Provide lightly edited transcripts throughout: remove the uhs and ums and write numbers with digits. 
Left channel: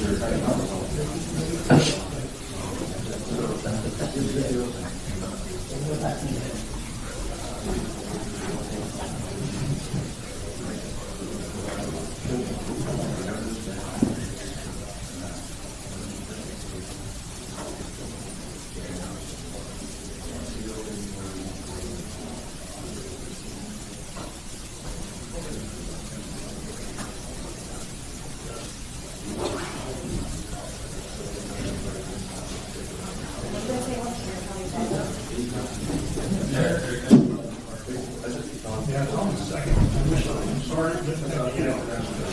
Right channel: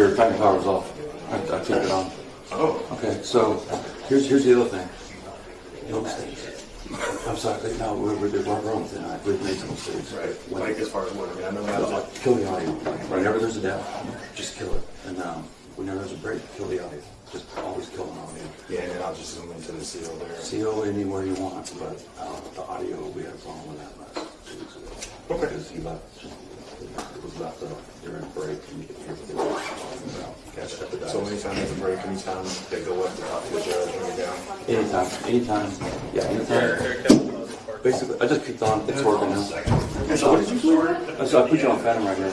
Your back power's off. I turned it on. Oh, okay. So here's the other thing. I'm sorry, how we're wrong with that. We've made some mistakes, right? Like as far as what kill the audio. Whenever there's a death, just kill it. And whenever there's a break, kill the audio. Just always kill the audio. Yeah, and I'll just send it to the CO there. CO anywhere you want, but the audio we have fun with that. Okay. About your operation. So anytime there's a break in town, they go up and talk to the judge. Anytime. Yeah. Basically, I just kicked on. It's working now. So I put you on pattern right now.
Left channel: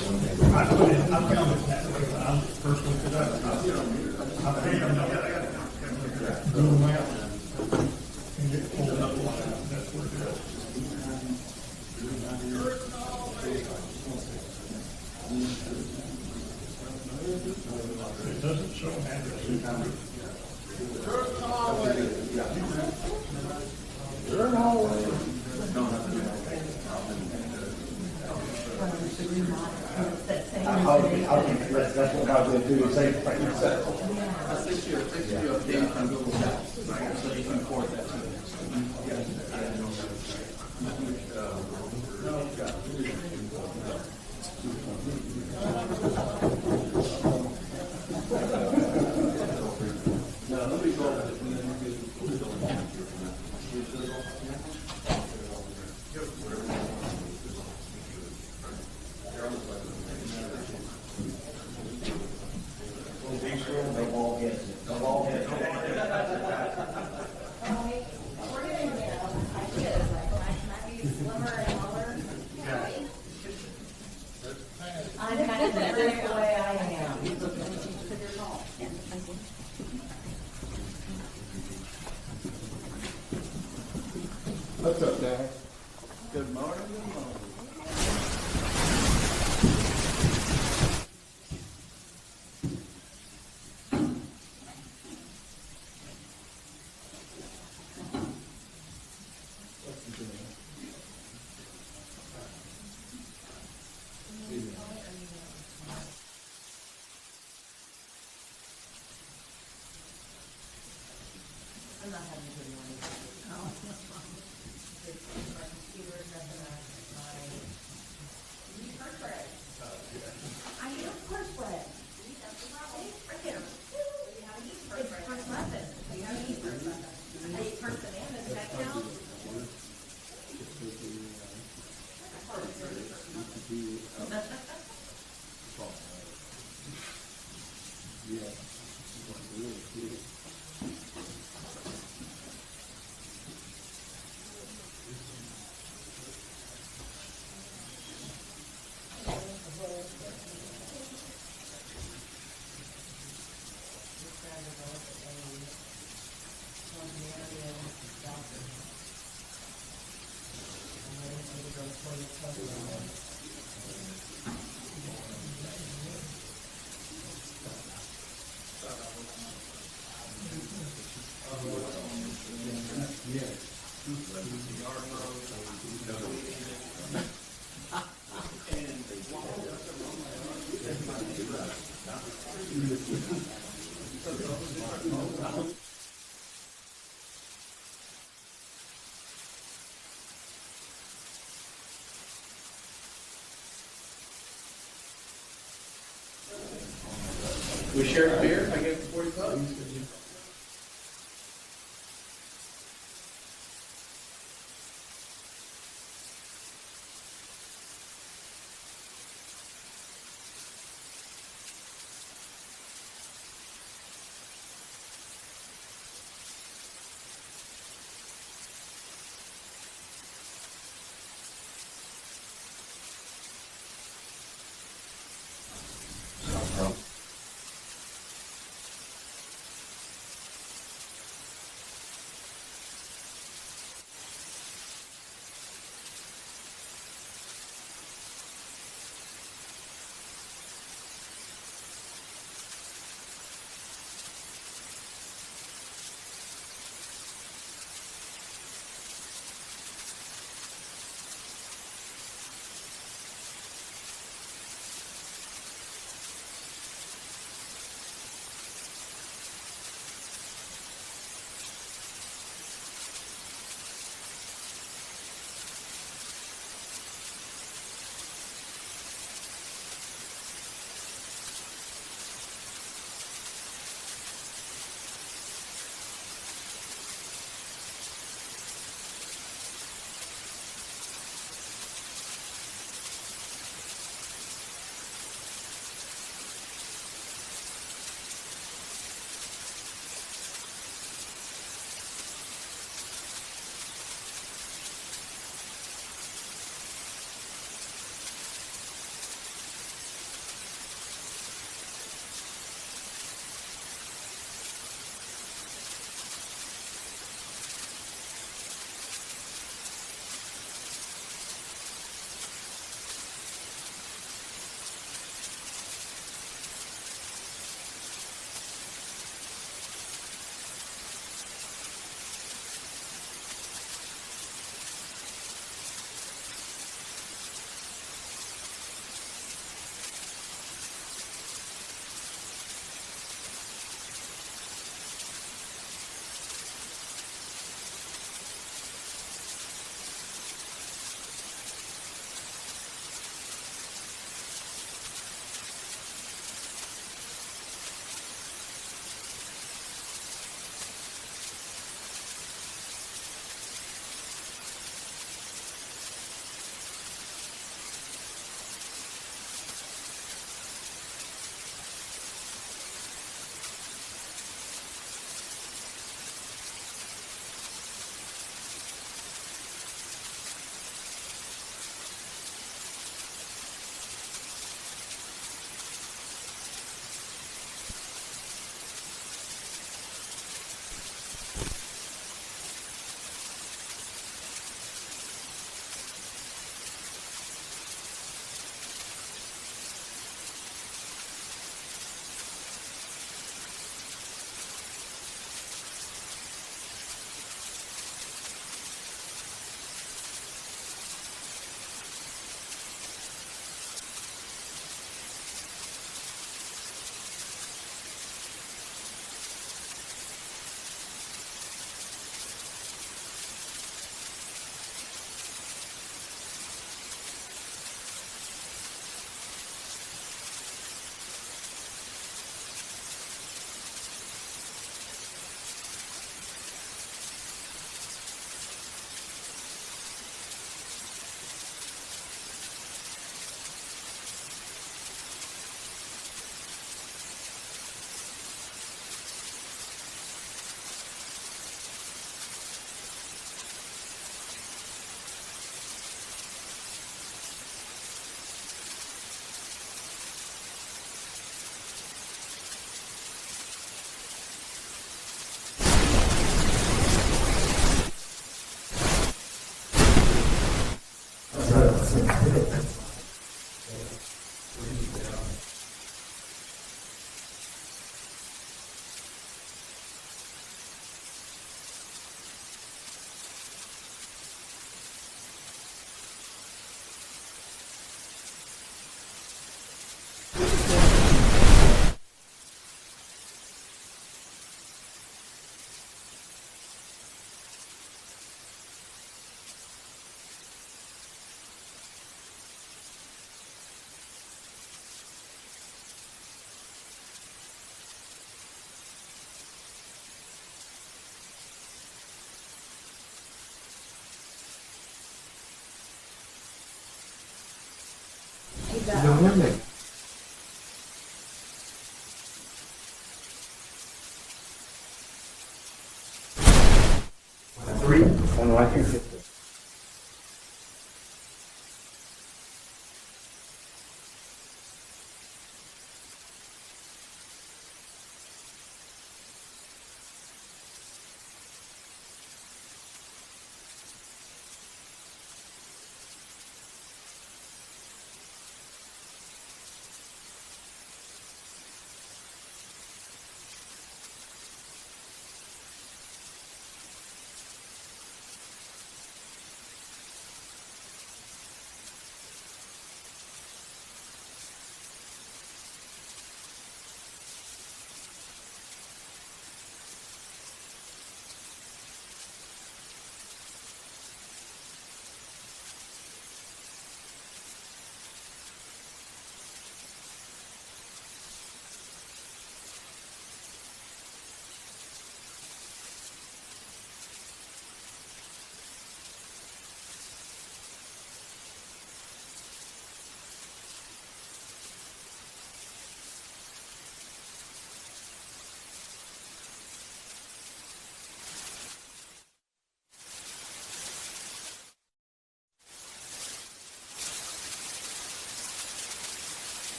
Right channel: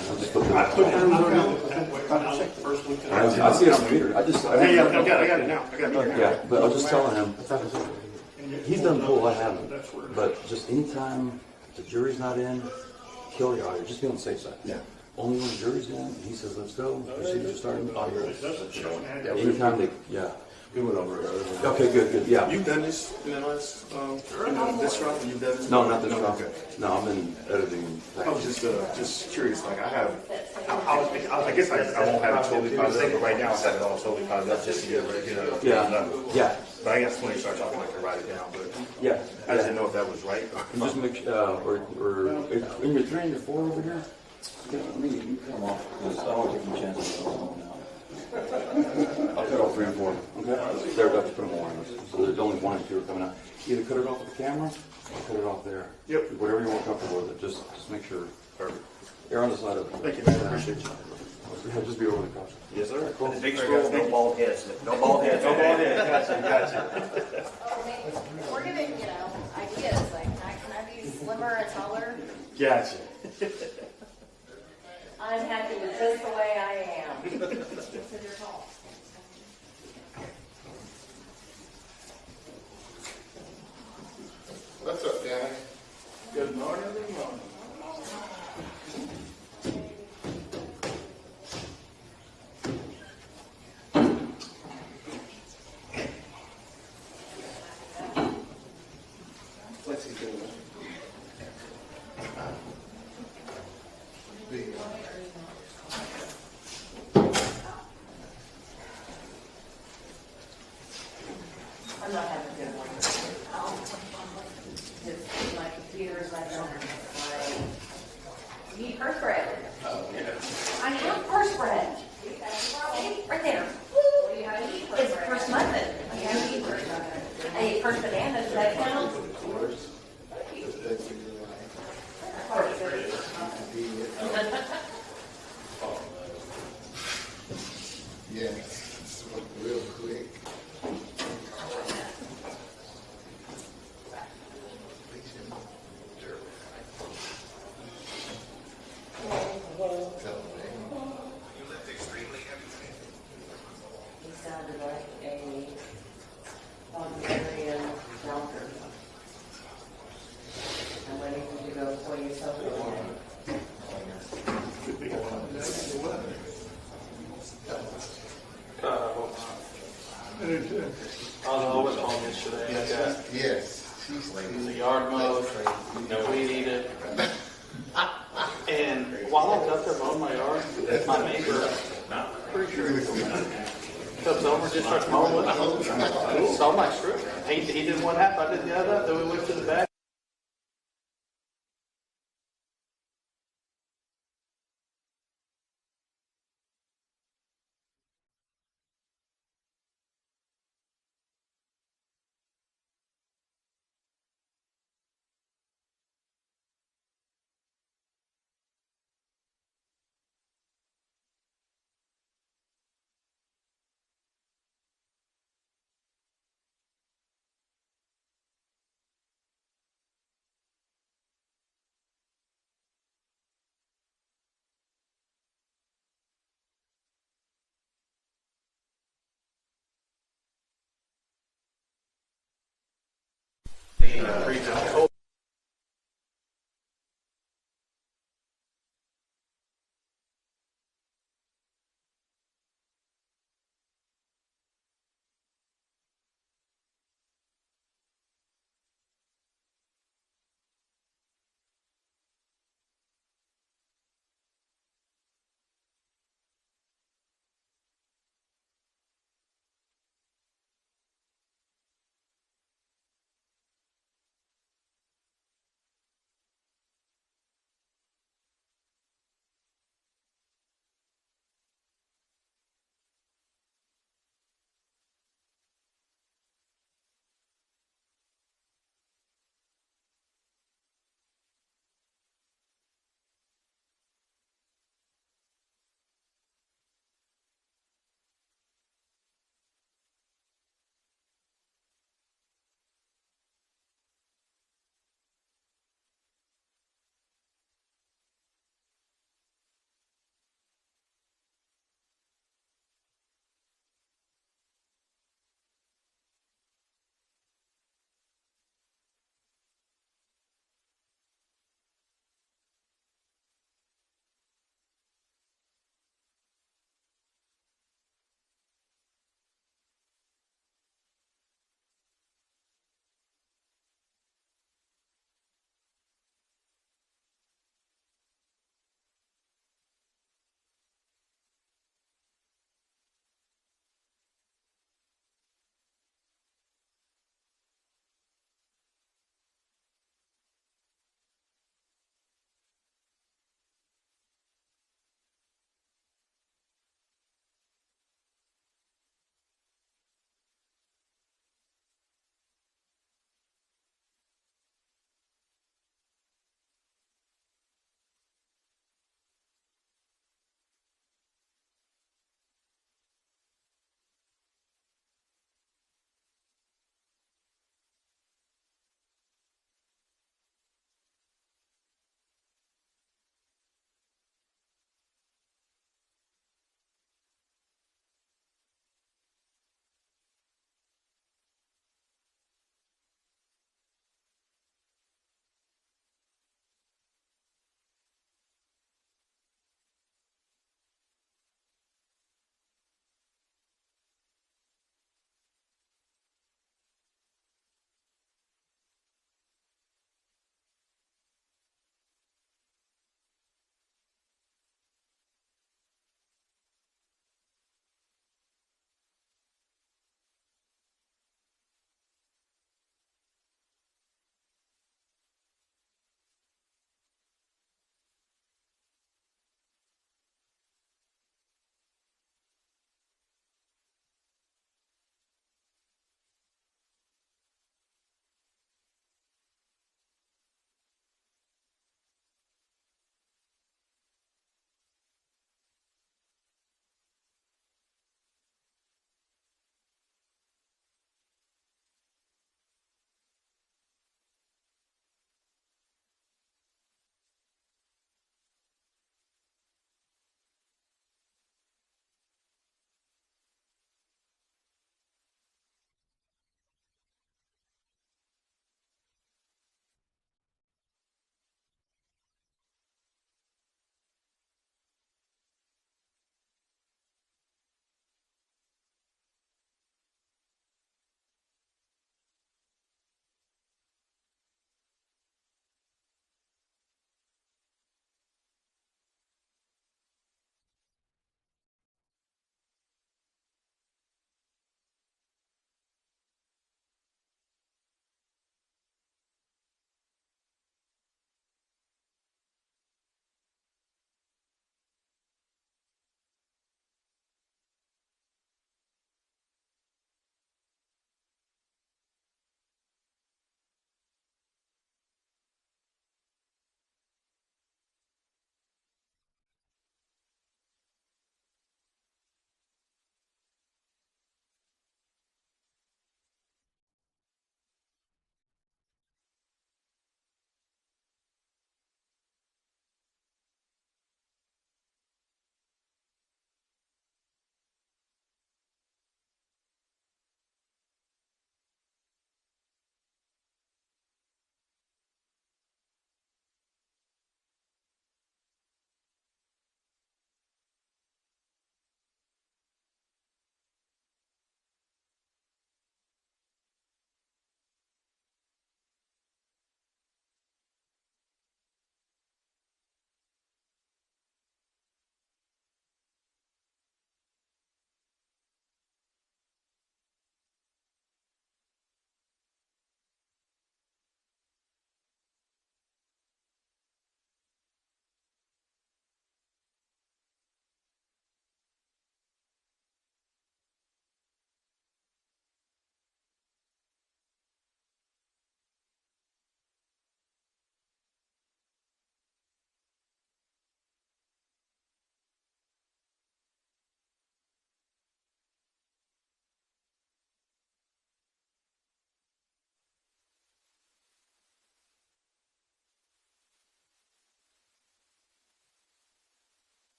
I see it on the meter. I got it now. Yeah, but I was just telling him. He's done know what happened. But just anytime the jury's not in, kill the audio. Just being safe side. Yeah. Only when the jury's in, he says, let's go. It doesn't show an ad. Anytime they, yeah. Okay, good. Yeah. You've done this, this rough, you've done this? No, not this rough. No, I've been editing. I was just curious. Like I have, I guess I won't have totally positive, but right now set it all totally positive. That's this year right here. Yeah. But I guess when you start talking like that right now, so yeah. I didn't know if that was right. Just make we're in your training before over there. I'll cut all 3 and 4. Okay. They're about to put more. So there's only 1 or 2 coming out. Either cut it off the camera, or put it off there. Yep. Whatever you want comfortable with it. Just make sure. Perfect. You're on the side of it. Thank you, man. I appreciate you. Just be a little cautious. Yes, sir. Big scroll, no bald heads. No bald heads. No bald heads. Gotcha. We're giving, ideas, like, can I be slimmer and taller? Gotcha. I'm happy with this the way I am. What's up, Dad? Good morning. Good morning. What's he doing? I was home yesterday. I got the yard mowed, and weed eated. And while I was out there mowing my yard, my neighbor, pretty sure comes over, just starts mowing with me. Saw my strip. He did one half, I did the other, then we went to the back. We shared a beer, I gave him 40 bucks.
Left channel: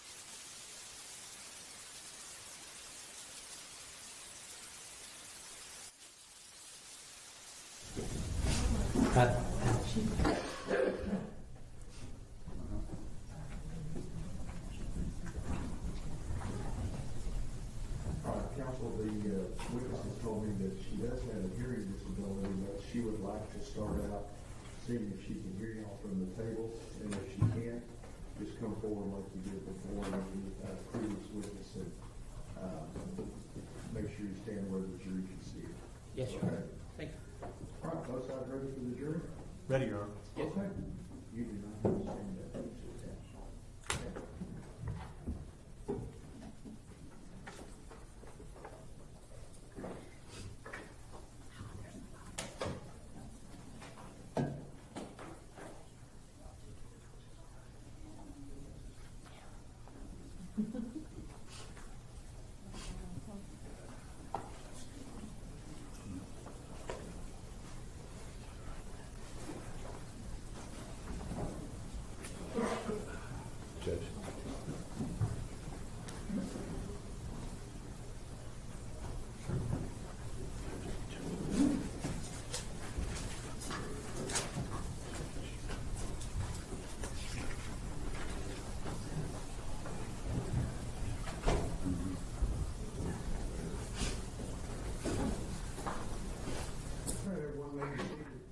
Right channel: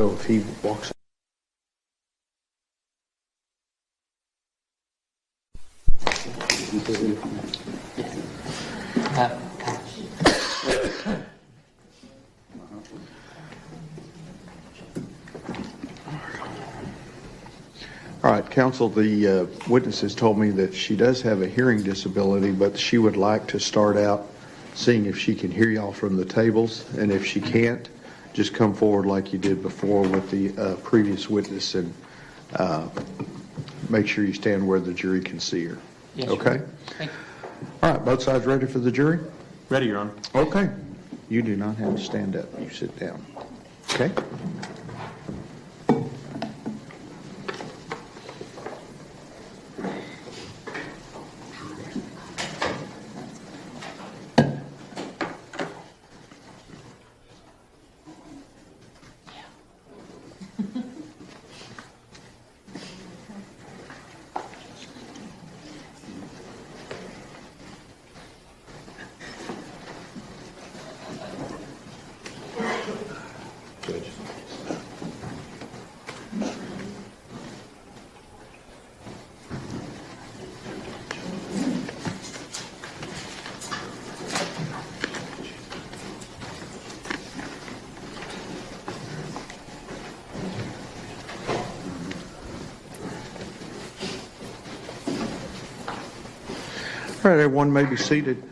So if he walks. All right, counsel, the witness has told me that she does have a hearing disability, but she would like to start out seeing if she can hear y'all from the tables, and if she can't, just come forward like you did before with the previous witness and make sure you stand where the jury can see her. Yes, okay? Thank you. All right, both sides ready for the jury? Ready, Your Honor. Okay. You do not have to stand up. You sit down. Okay? All right, everyone may be seated.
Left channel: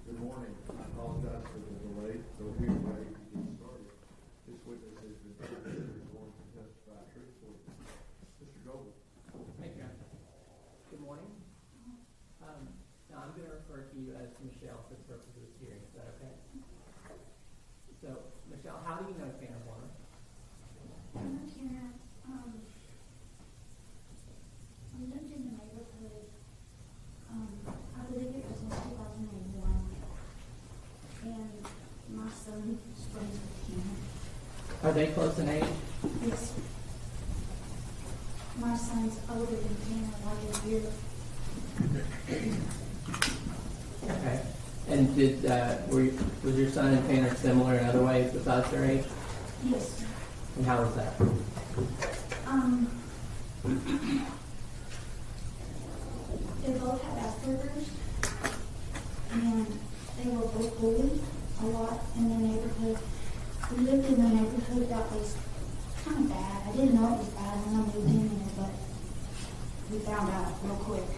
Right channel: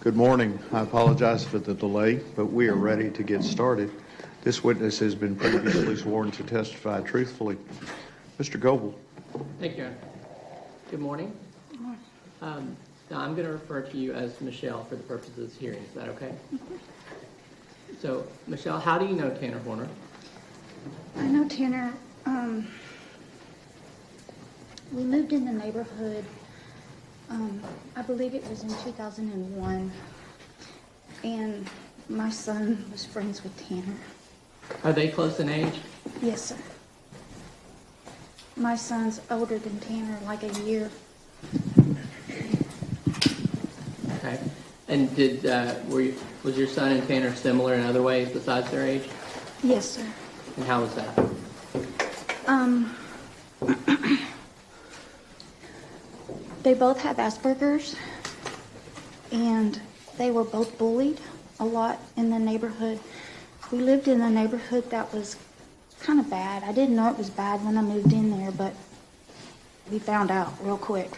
Good morning. I apologize for the delay, but we are ready to get started. This witness has been previously sworn to testify truthfully. Mr. Goebel. Thank you, Your Honor. Good morning. Now I'm going to refer to you as Michelle for the purposes of this hearing. Is that okay? So, Michelle, how do you know Tanner Horner? I know Tanner. We lived in the neighborhood. I believe it was in 2001, and my son was friends with Tanner. Are they close in age? Yes, sir. My son's older than Tanner, like a year. Okay. And did was your son and Tanner similar in other ways besides their age? Yes, sir. And how was that? They both have Asperger's, and they were both bullied a lot in the neighborhood. We lived in a neighborhood that was kind of bad. I didn't know it was bad when I moved in there, but we found out real quick.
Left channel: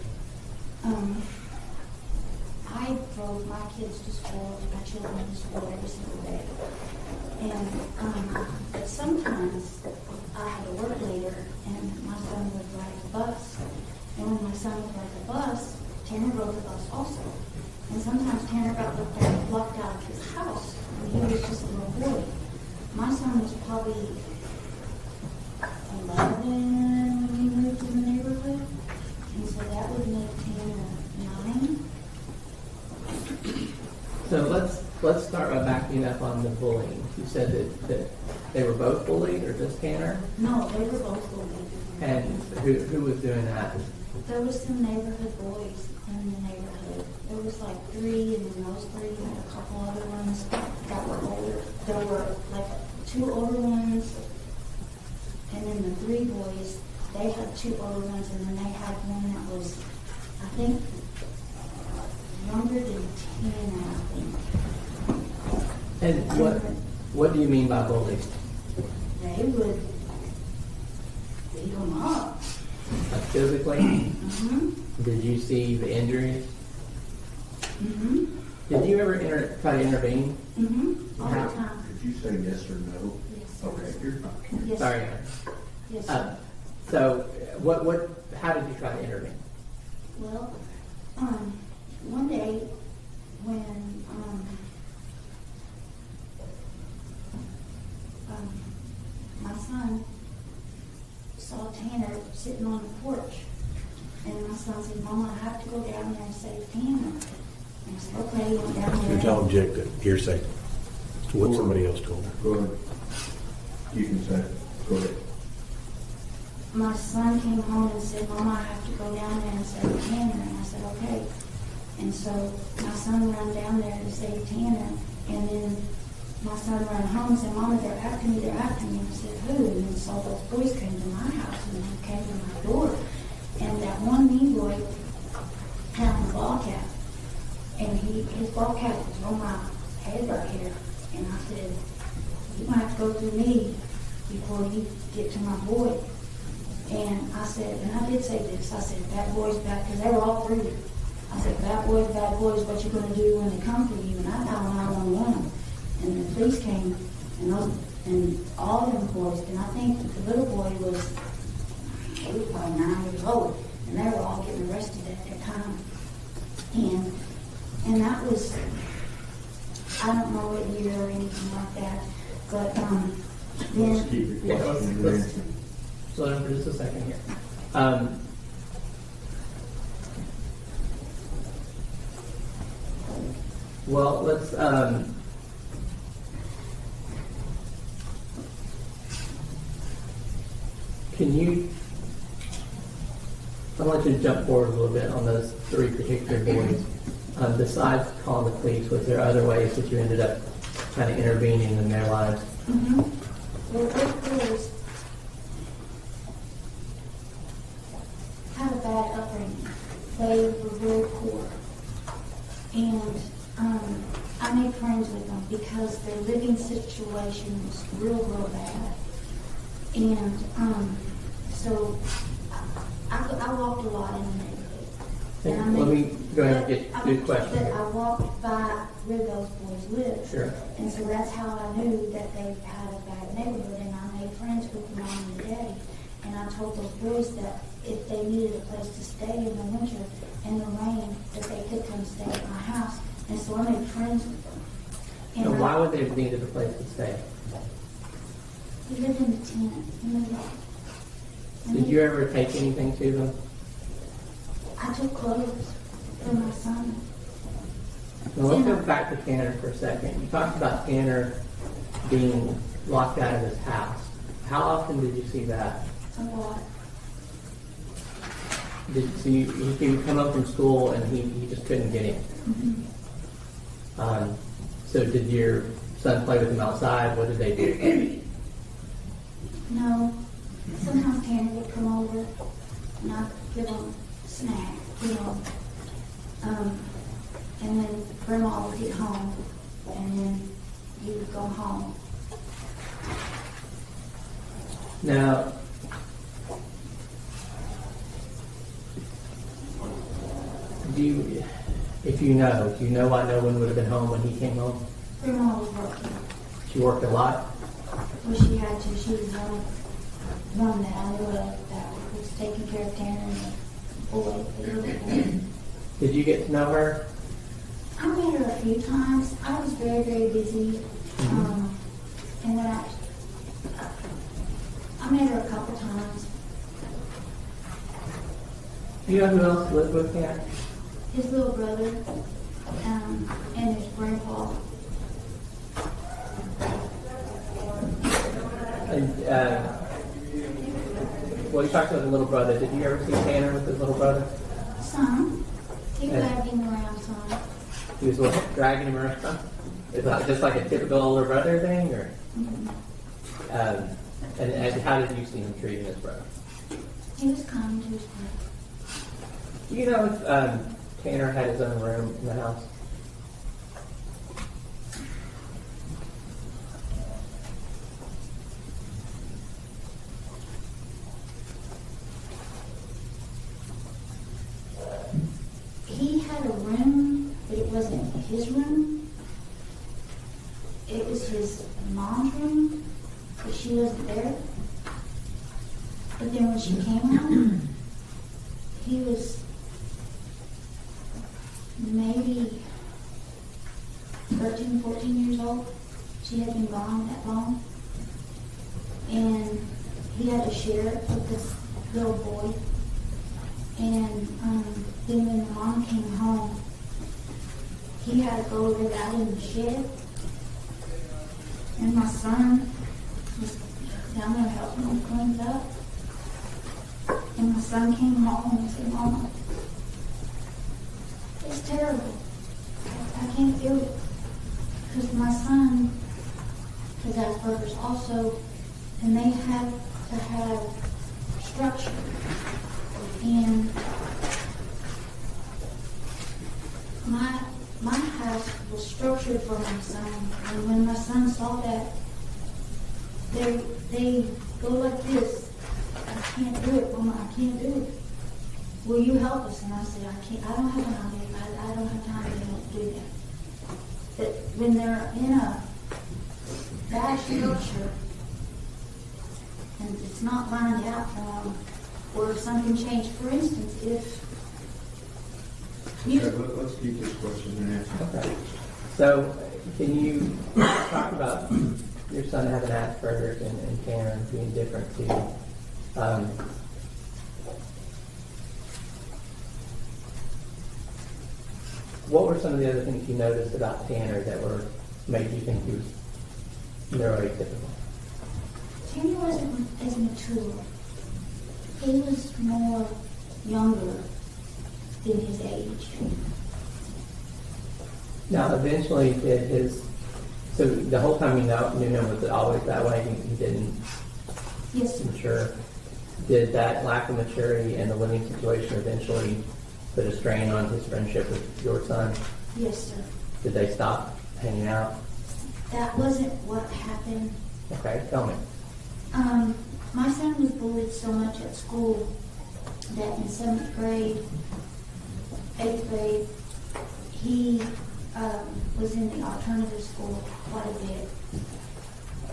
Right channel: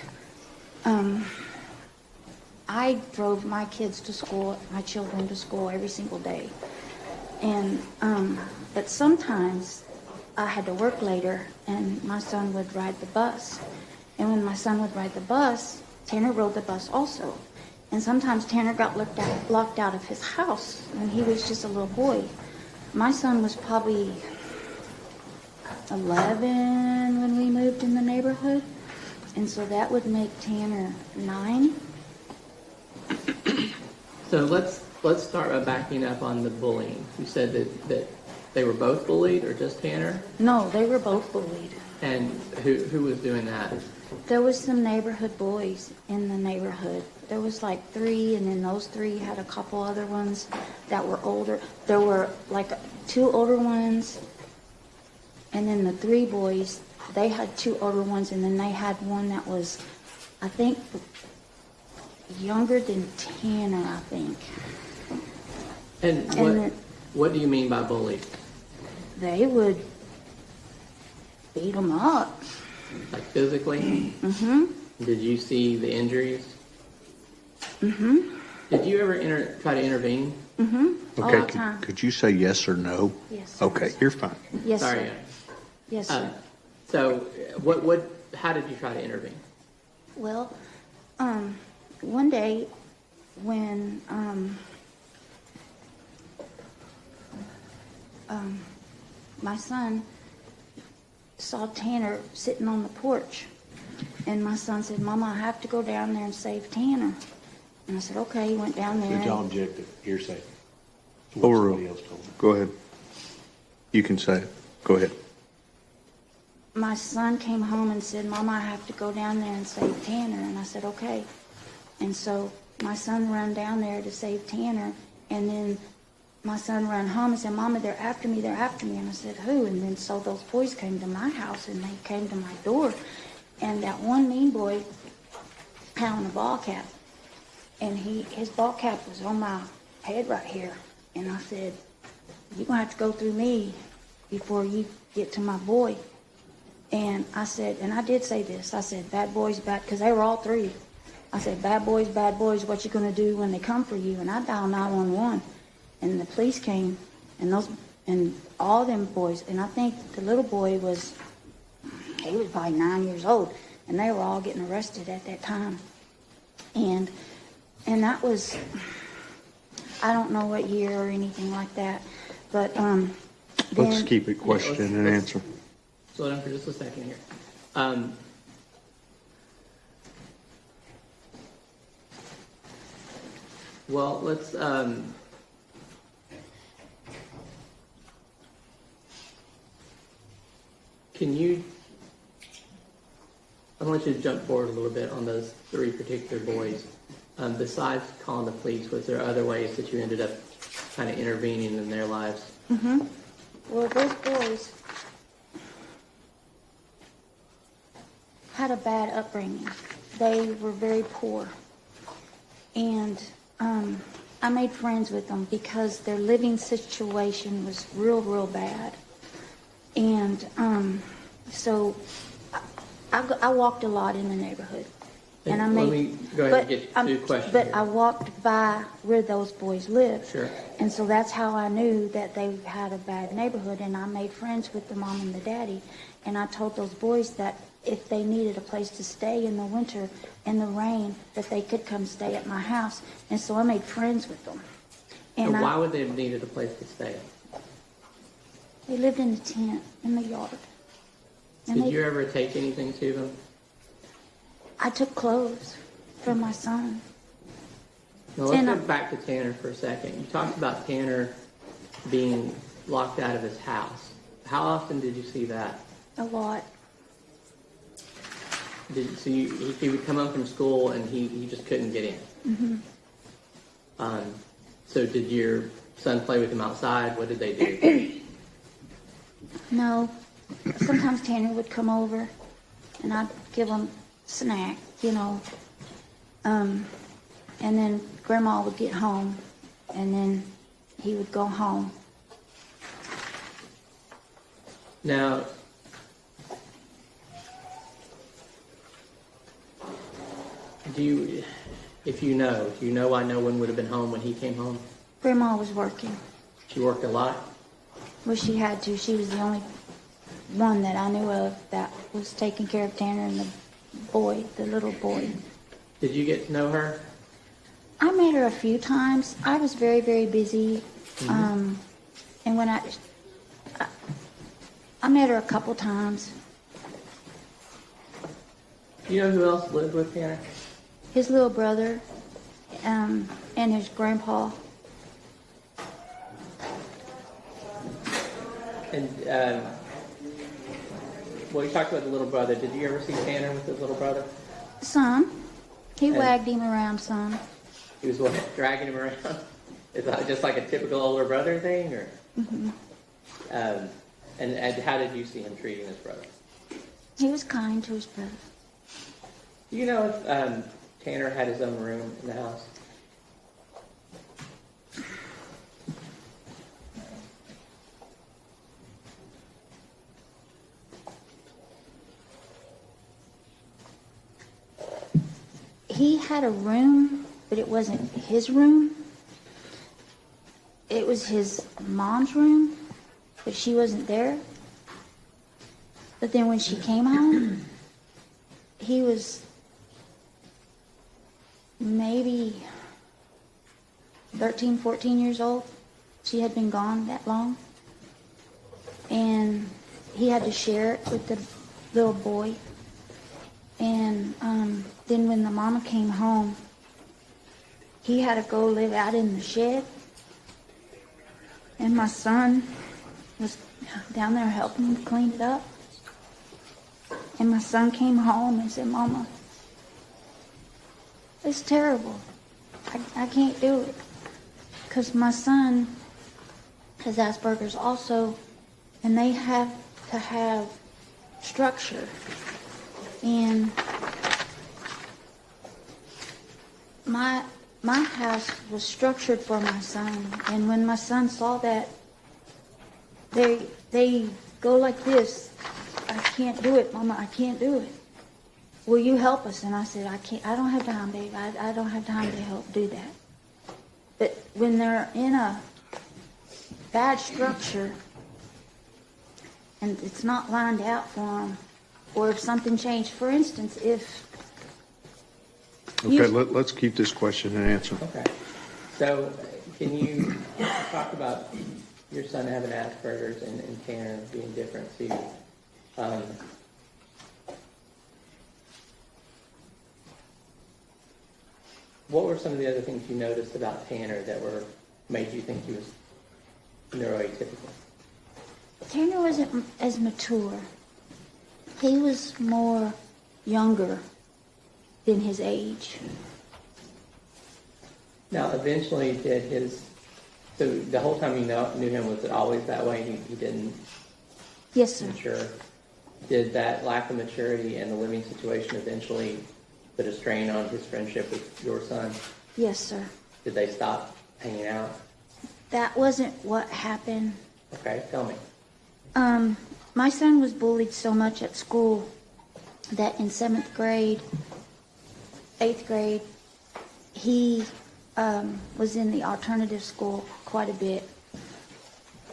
I drove my kids to school, my children to school every single day. And but sometimes I had to work later, and my son would ride the bus. And when my son would ride the bus, Tanner rode the bus also. And sometimes Tanner got locked out of his house when he was just a little boy. My son was probably 11 when we moved in the neighborhood. And so that would make Tanner 9. So let's start by backing up on the bullying. You said that they were both bullied, or just Tanner? No, they were both bullied. And who was doing that? There was some neighborhood boys in the neighborhood. There was like 3, and then those 3 had a couple other ones that were older. There were like 2 older ones, and then the 3 boys, they had 2 older ones, and then they had one that was, I think, younger than Tanner, I think. And what do you mean by bully? They would beat them up. Like physically? Mm-hmm. Did you see the injuries? Mm-hmm. Did you ever try to intervene? Mm-hmm. All Okay, the time. could you say yes or no? Yes, sir. Okay, you're fine. Yes, Sorry. sir. Yes, sir. So, how did you try to intervene? Well, one day when my son saw Tanner sitting on the porch, and my son said, "Mama, I have to go down there and save Tanner." And I said, "Okay." He went down there. Did y'all object to hearsay? What somebody else told me. Go ahead. You can say. Go ahead. My son came home and said, "Mama, I have to go down there and save Tanner." And I said, "Okay." And so my son ran down there to save Tanner, and then my son ran home and said, Mama, they're after me, they're after me. And I said, who? And then so those boys came to my house and they came to my door. And that one mean boy had on the ball cap. And his ball cap was on my head right here. And I said, you're going to have to go through me before you get to my boy. And I said, and I did say this, I said, bad boys, bad, because they were all three. I said, bad boys, what you going to do when they come for you? And I dialed 911. And the police came, and all them boys, and I think the little boy he was probably 9 years old, and they were all getting arrested at that time. And that was, I don't know what year or anything like that, but Let's then- keep it question and answer. Slow down for just a second here. Well, let's, can you, I want you to jump forward a little bit on those three particular boys. Besides calling the police, was there other ways that you ended up kind of intervening in their lives? Mm-hmm. Well, those boys had a bad upbringing. They were very poor. And I made friends with them because their living situation was real, real bad. And so I walked a lot in the neighborhood. And I Let me go ahead and get to the question. But I walked by where those boys lived. Sure. And so that's how I knew that they had a bad neighborhood, and I made friends with the mom and the daddy. And I told those boys that if they needed a place to stay in the winter in the rain, that they could come stay at my house. And so I made friends with them. And why would they have needed a place to stay? They lived in a tent in the yard. Did you ever take anything to them? I took clothes for my son. Now let's go back to Tanner for a second. You talked about Tanner being locked out of his house. How often did you see that? A lot. So you come home from school and he just couldn't get in. Mm-hmm. So did your son play with him outside? What did they do? No. Sometimes Tanner would come over and I'd give him snack, and then Grandma would get home, and then he would go home. Now, do you know why no one would have been home when he came home? Grandma was working. She worked a lot? Well, she had to. She was the only one that I knew of that was taking care of Tanner and the little boy. Did you get to know her? I met her a few times. I was very, very busy. Mm-hmm. And when I met her a couple times. Do you know who else lived with Tanner? His little brother, and his grandpa. And, well, you talked about the little brother. Did you ever see Tanner with his little brother? Some. He And- wagged him around some. He was what, dragging him around? Is that just like a typical older brother thing, or? And how did you see him treating his brother? He was kind to his brother. Do you know if Tanner had his own room in the house? He had a room, but it wasn't his room. It was his mom's room, but she wasn't there. But then when she came home, he was maybe 13, 14 years old. She had been gone that long. And he had to share it with the little boy. And then when the mama came home, he had to go live out in the shed. And my son was down there helping him clean it up. And my son came home and said, Mama, it's terrible. I can't do it. Because my son has Asperger's also, and they have to have structure. And my house was structured for my son, and when my son saw that, they go like this. I can't do it, Mama, I can't do it. Will you help us? And I said, I can't. I don't have time, Dave. I don't have time to help do that. But when they're in a bad structure and it's not lined out for them, or if something changed, for instance, if Okay, let's keep this question and answer. Okay. So, can you talk about your son having Asperger's and Tanner being different to you? What were some of the other things you noticed about Tanner that made you think he was neuroatypical? Tanner wasn't as mature. He was more younger than his age. Now, eventually, so the whole time you knew him, was it always that way? He didn't Yes, sir. mature? Did that lack of maturity and the living situation eventually put a strain on his friendship with your son? Yes, sir. Did they stop hanging out? That wasn't what happened. Okay, tell me. My son was bullied so much at school that in 7th grade, 8th grade, he was in the alternative school quite a bit.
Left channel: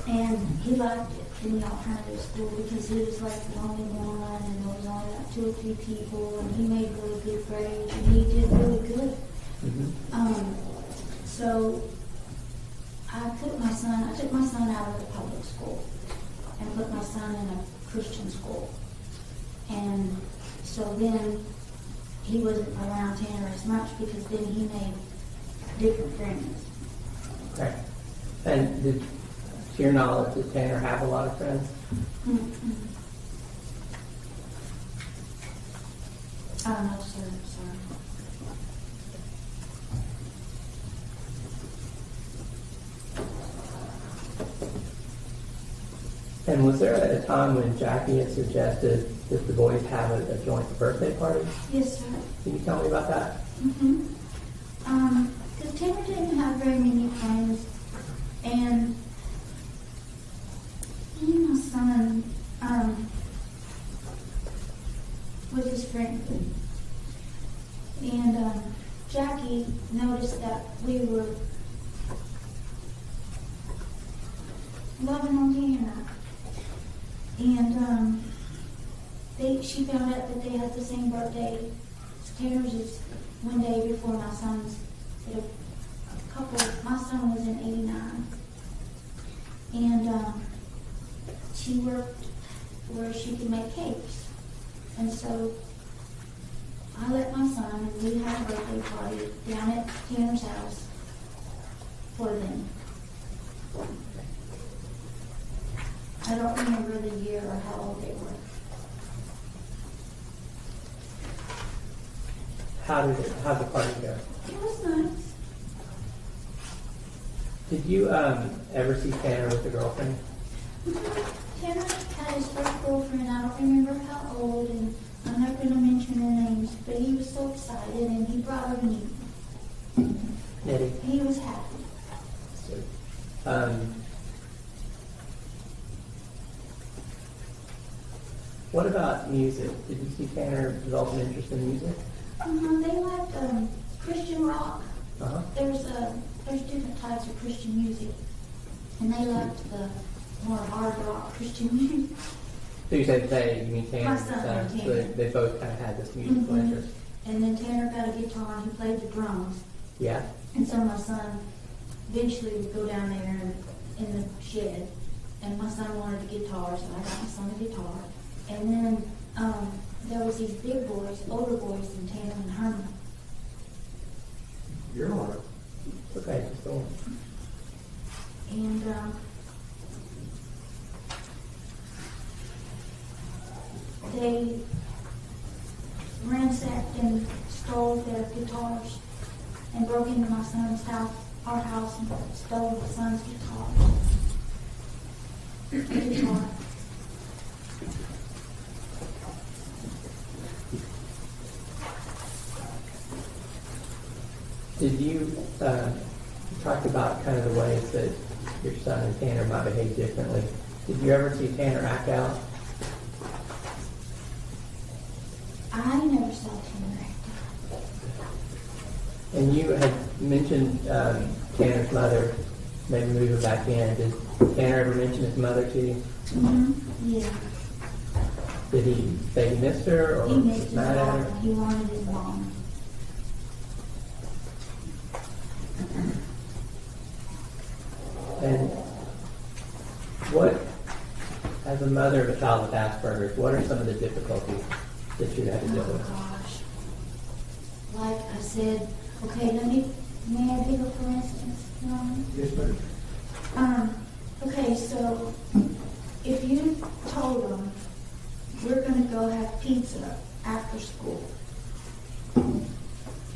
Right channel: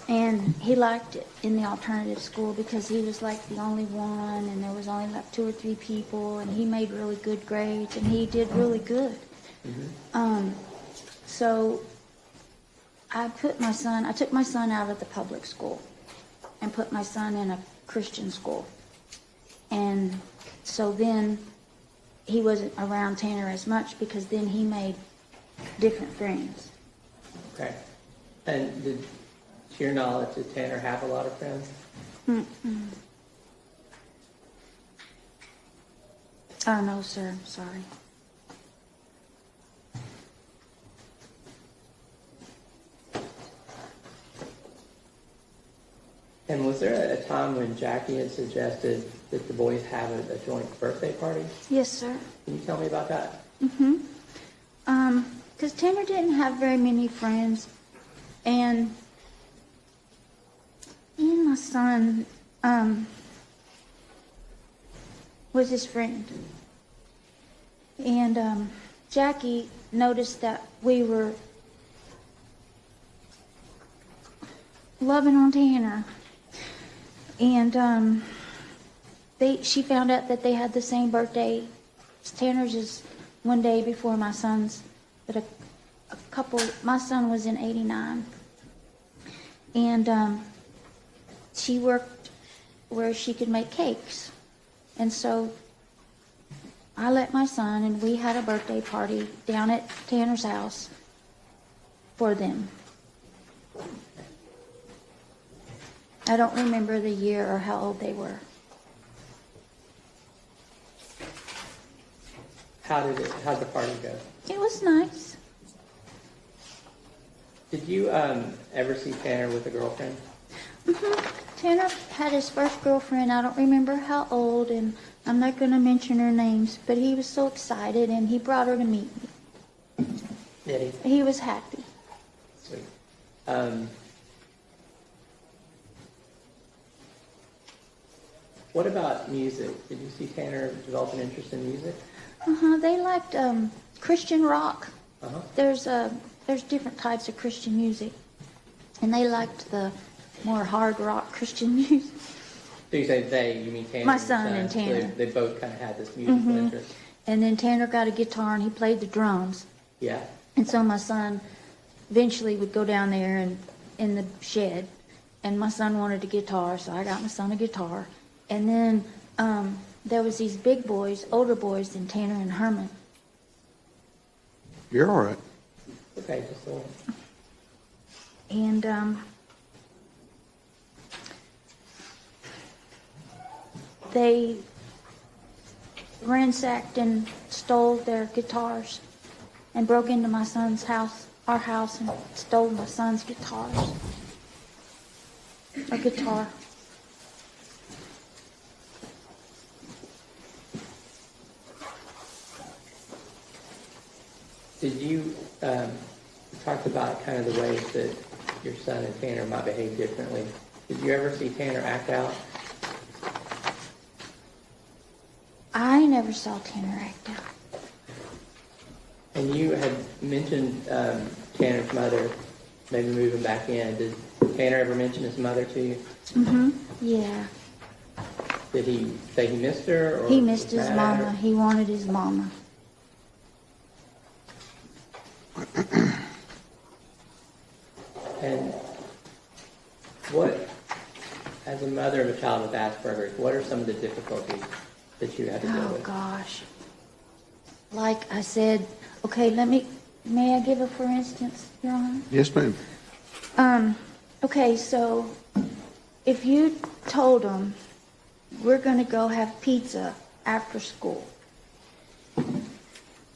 And he liked it in the alternative school because he was like the only one, and there was only like 2 or 3 people, and he made really good grades, and he did really good. Mm-hmm. So I took my son out of the public school and put my son in a Christian school. And so then he wasn't around Tanner as much because then he made different friends. Okay. And to your knowledge, did Tanner have a lot of friends? Mm-mm. Oh, no, sir. Sorry. And was there a time when Jackie had suggested that the boys have a joint birthday party? Yes, sir. Can you tell me about that? Mm-hmm. Because Tanner didn't have very many friends, and he and my son was his friend. And Jackie noticed that we were loving on Tanner, and she found out that they had the same birthday. Tanner's is one day before my son's, but my son was in 89. And she worked where she could make cakes. And so I let my son, and we had a birthday party down at Tanner's house for them. I don't remember the year or how old they were. How'd the party go? It was nice. Did you ever see Tanner with a girlfriend? Mm-hmm. Tanner had his first girlfriend. I don't remember how old, and I'm not going to mention her names, but he was so excited, and he brought her to meet me. Nettie? He was happy. What about music? Did you see Tanner develop an interest in music? They liked Christian rock. Uh-huh. There's different types of Christian music, and they liked the more hard rock Christian music. So you say they, you mean Tanner? My son and Tanner. So they both kind of had this musical Mhm. interest. And then Tanner got a guitar, and he played the drums. Yeah. And so my son eventually would go down there and in the shed, and my son wanted a guitar, so I got my son a guitar. And then there was these big boys, older boys than Tanner and Herman. You're all right. Okay, just a little. And they ransacked and stole their guitars and broke into my son's house, our house, and stole my son's guitars. A guitar. Did you talk about kind of the ways that your son and Tanner might behave differently? Did you ever see Tanner act out? I never saw Tanner act out. And you had mentioned Tanner's mother maybe moving back in. Did Tanner ever mention his mother to you? Mm-hmm. Yeah. Did he say he missed her? Or He missed his mad at her? mama. He wanted his mama. And what, as a mother of a child with Asperger's, what are some of the difficulties that you had to deal Oh with? gosh. Like I said, okay, may I give a for instance, Your Honor? Yes, ma'am. Okay, so if you told them, we're gonna go have pizza after school,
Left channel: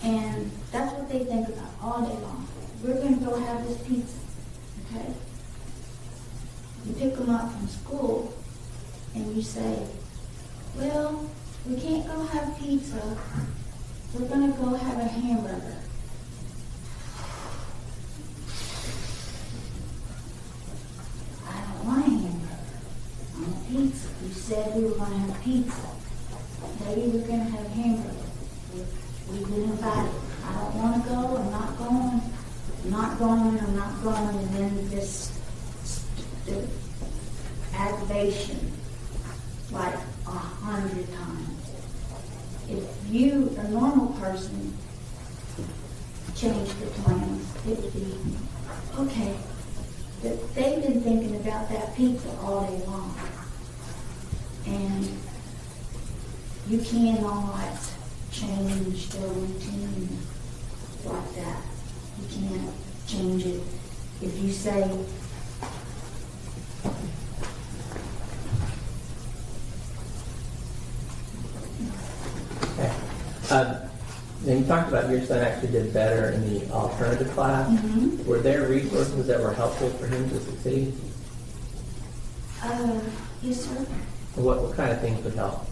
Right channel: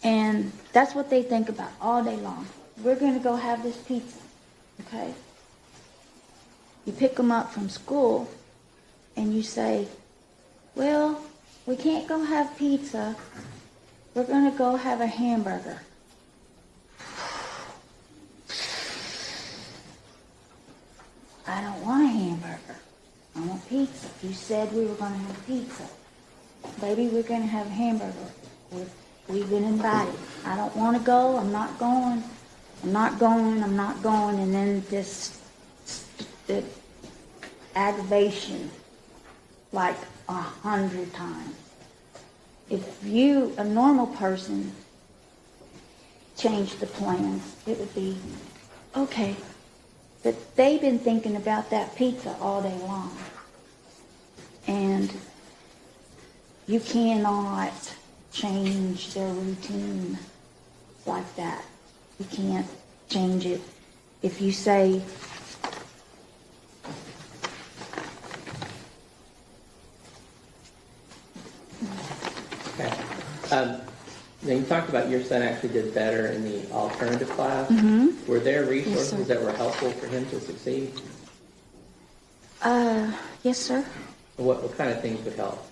and that's what they think about all day long. We're gonna go have this pizza, okay? You pick them up from school, and you say, well, we can't go have pizza. We're gonna go have a hamburger. I don't want a hamburger. I want pizza. You said we were gonna have pizza. Maybe we're gonna have a hamburger. We've been invited. I don't wanna go. I'm not going. I'm not going. I'm not going. And then the aggravation, like 100 times. If you, a normal person, changed the plans, it would be, okay. But they've been thinking about that pizza all day long. And you cannot change their routine like that. You can't change it. If you say, Okay. Now you talked about your son actually did better in the alternative class. Mhm. Were there resources Yes, sir. that were helpful for him to succeed? yes, sir. What kind of things would help?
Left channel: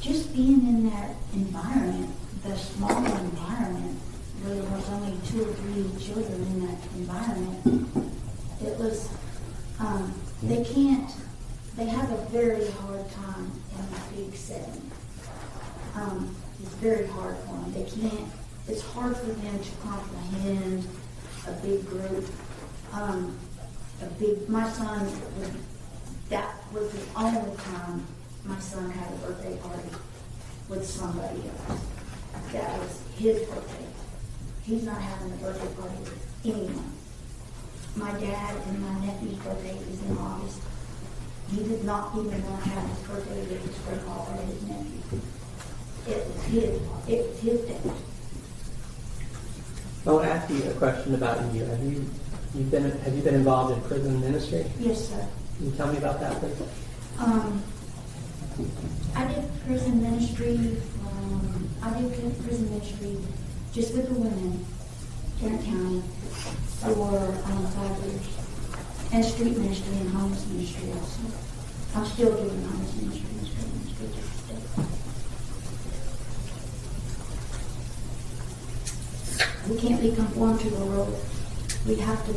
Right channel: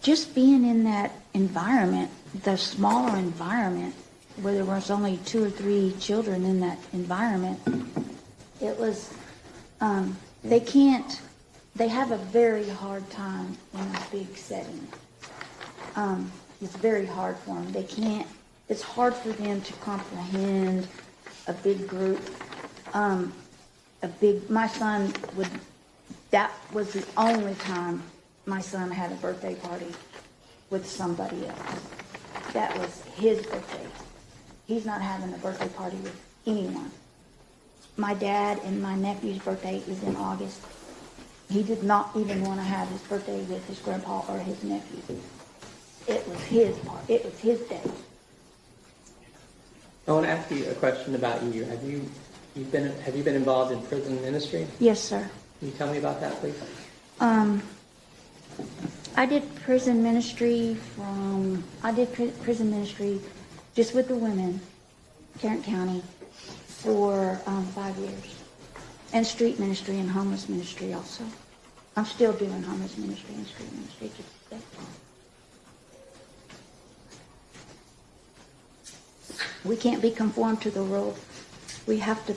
Just being in that environment, the smaller environment, where there was only 2 or 3 children in that environment, it was, they have a very hard time in a big setting. It's very hard for them. It's hard for them to comprehend a big group. My son that was the only time my son had a birthday party with somebody else. That was his birthday. He's not having a birthday party with anyone. My dad and my nephew's birthday is in August. He did not even want to have his birthday with his grandpa or his nephew. It was his day. I want to ask you a question about you. Have you been involved in prison ministry? Yes, sir. Can you tell me about that, please? I did prison ministry just with the women, Tarrant County, for 5 years. And street ministry and homeless ministry also. I'm still doing homeless ministry and street ministry just today. We can't be conformed to the world. We have to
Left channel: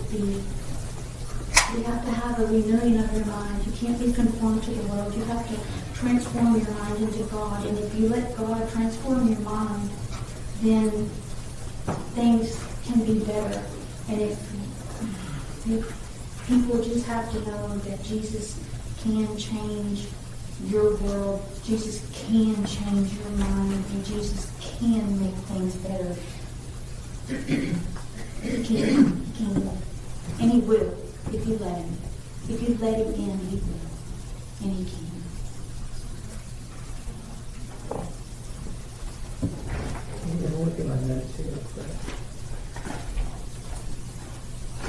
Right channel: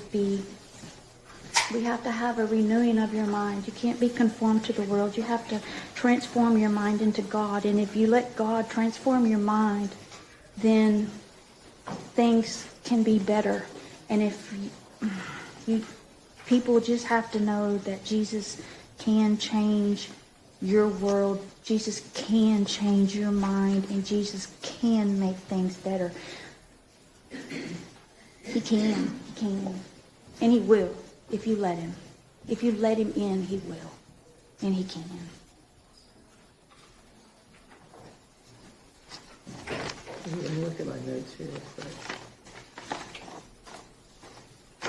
have a renewing of your mind. You can't be conformed to the world. You have to transform your mind into God. And if you let God transform your mind, then things can be better. And people just have to know that Jesus can change your world. Jesus can change your mind. And Jesus can make things better. He can. And he will. If you let him. If you let him in, he will. And he can. Look at my notes here.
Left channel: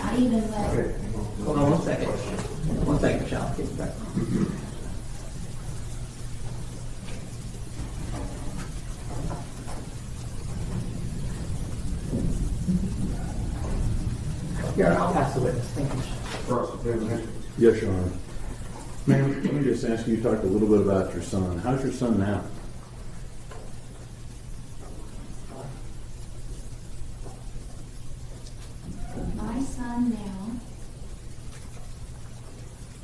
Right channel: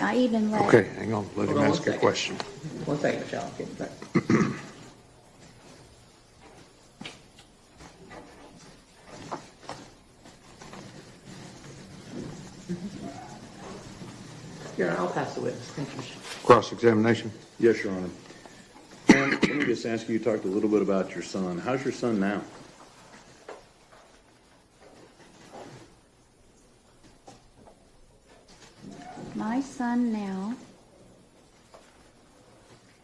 I even let Okay, hang on. Let Hold me on ask one a second. question. One second, Michelle. I'll get you back. Your Honor, I'll pass the witness. Thank you, Michelle. Cross-examination. Yes, Your Honor. Let me just ask you, you talked a little bit about your son. How's your son now? My son now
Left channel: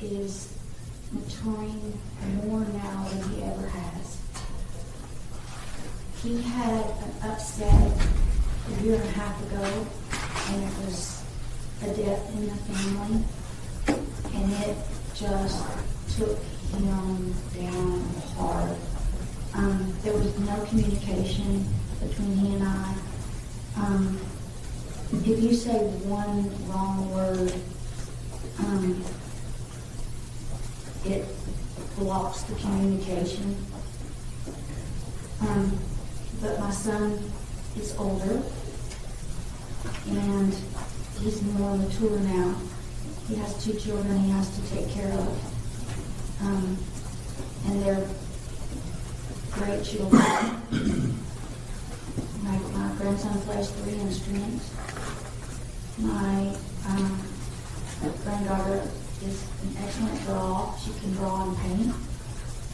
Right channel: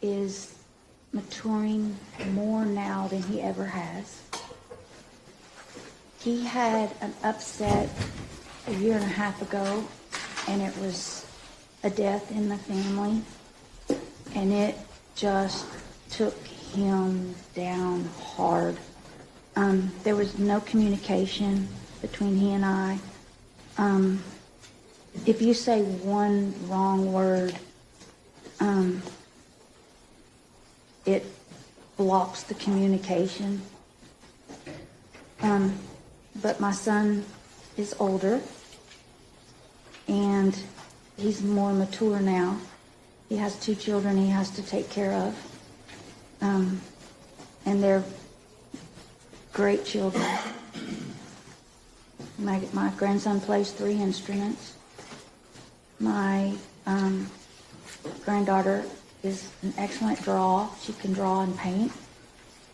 is maturing more now than he ever has. He had an upset a year and a half ago, and it was a death in the family, and it just took him down hard. There was no communication between he and I. If you say one wrong word, it blocks the communication. But my son is older, and he's more mature now. He has 2 children he has to take care of. And they're great children. My grandson plays 3 instruments. My granddaughter is an excellent drawer. She can draw and paint.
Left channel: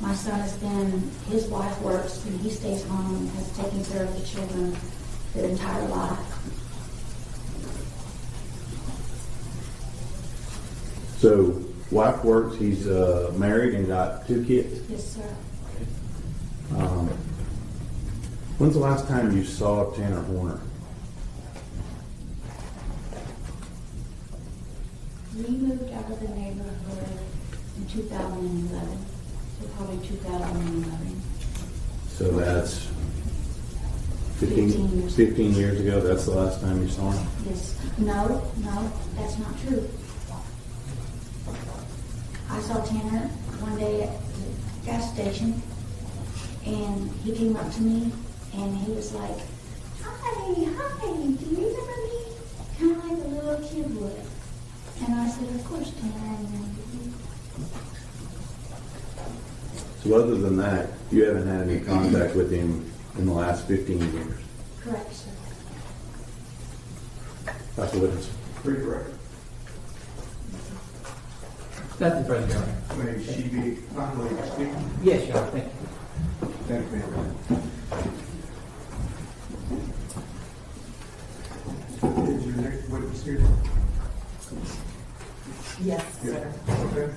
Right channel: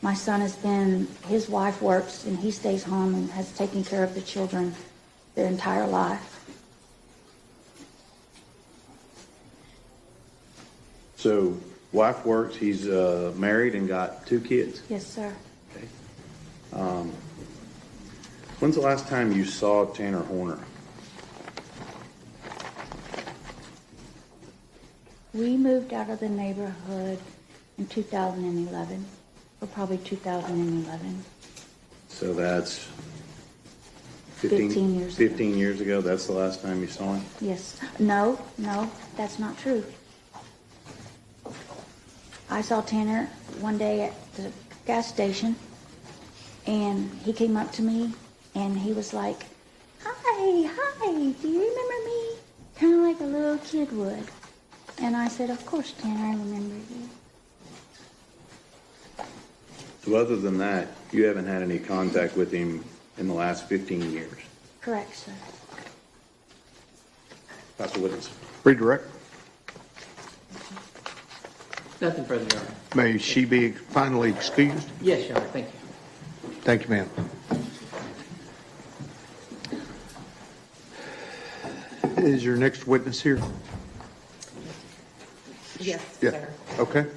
My son has been, his wife works and he stays home and has taken care of the children their entire life. So, wife works, he's married and got 2 kids? Yes, sir. When's the last time you saw Tanner Horner? We moved out of the neighborhood in 2011, or probably 2011. So that's 15 years. 15 years ago, that's the last time you saw him? Yes. No, that's not true. I saw Tanner one day at the gas station, and he came up to me, and he was like, hi, do you remember me? Kind of like a little kid would. And I said, of course, Tanner, I remember you. So other than that, you haven't had any contact with him in the last 15 years? Correct, sir. That's a witness. Redirect. Nothing further, Your Honor. May she be finally excused? Yes, Your Honor, thank you. Thank you, ma'am. Is your next witness here? Yes, Yeah. sir. Okay.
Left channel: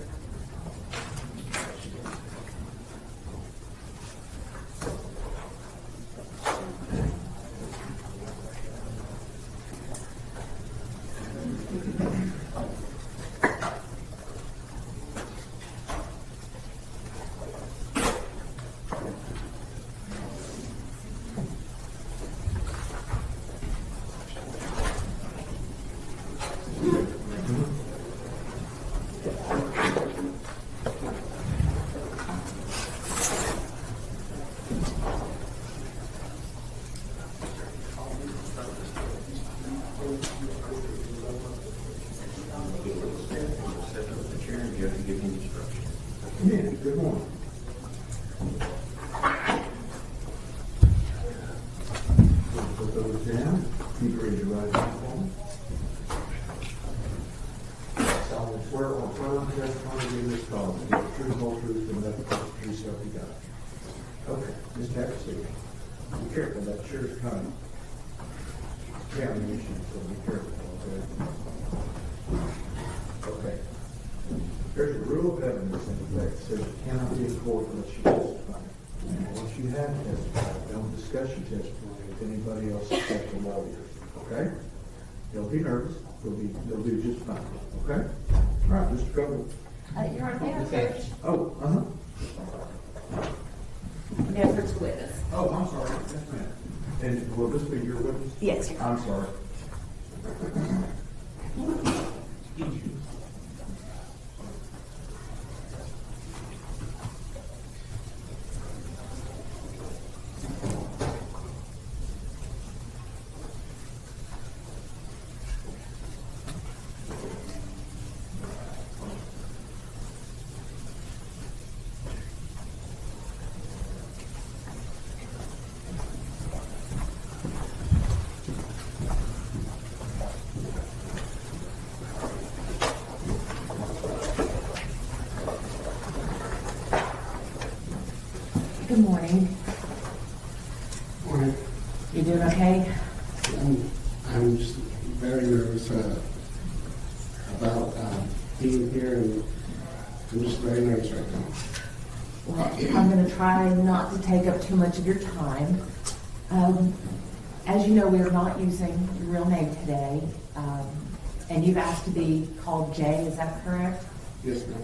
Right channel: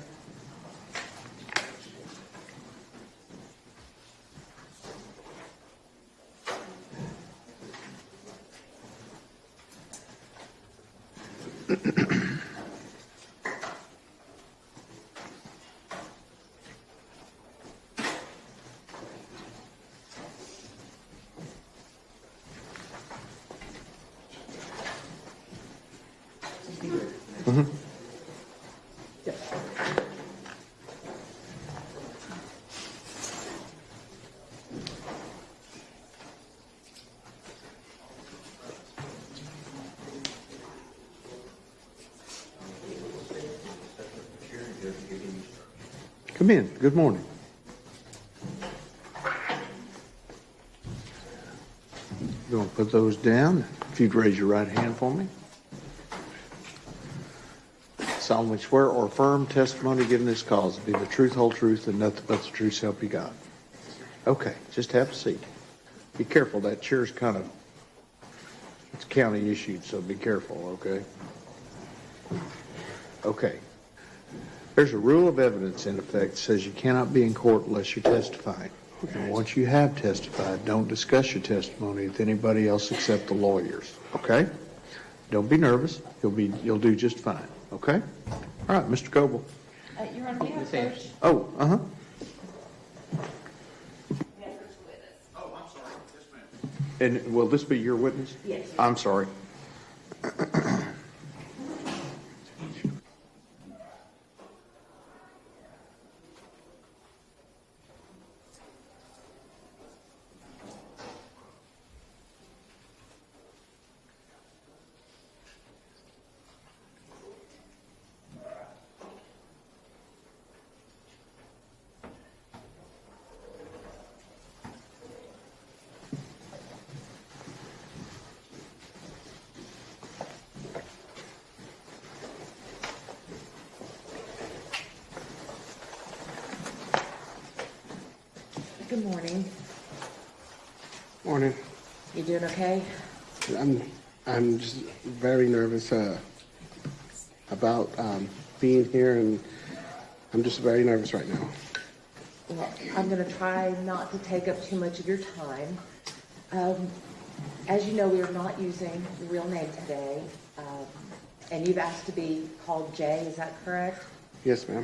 Come in. Good morning. Go and put those down. If you'd raise your right hand for me. Solemnly swear or affirm testimony given this cause to be the truth, whole truth, and nothing but the truth so help you God. Okay, just have a seat. Be careful. That chair's kind of, it's county issued, so be careful, okay? Okay. There's a rule of evidence in effect that says you cannot be in court unless you're testifying. And once you have testified, don't discuss your testimony with anybody else except the lawyers, okay? Don't be nervous. You'll do just fine, okay? All right, Mr. Coble. Your Honor, we have Ms. Anderson. Fritz. Oh, We have Fritz witness. Oh, I'm sorry. Yes, ma'am. And will this be your witness? Yes. I'm sorry. Good morning. Morning. You doing okay? I'm just very nervous about being here, and I'm just very nervous right now. Well, I'm going to try not to take up too much of your time. As you know, we are not using your real name today, and you've asked to be called Jay, is that correct? Yes, ma'am.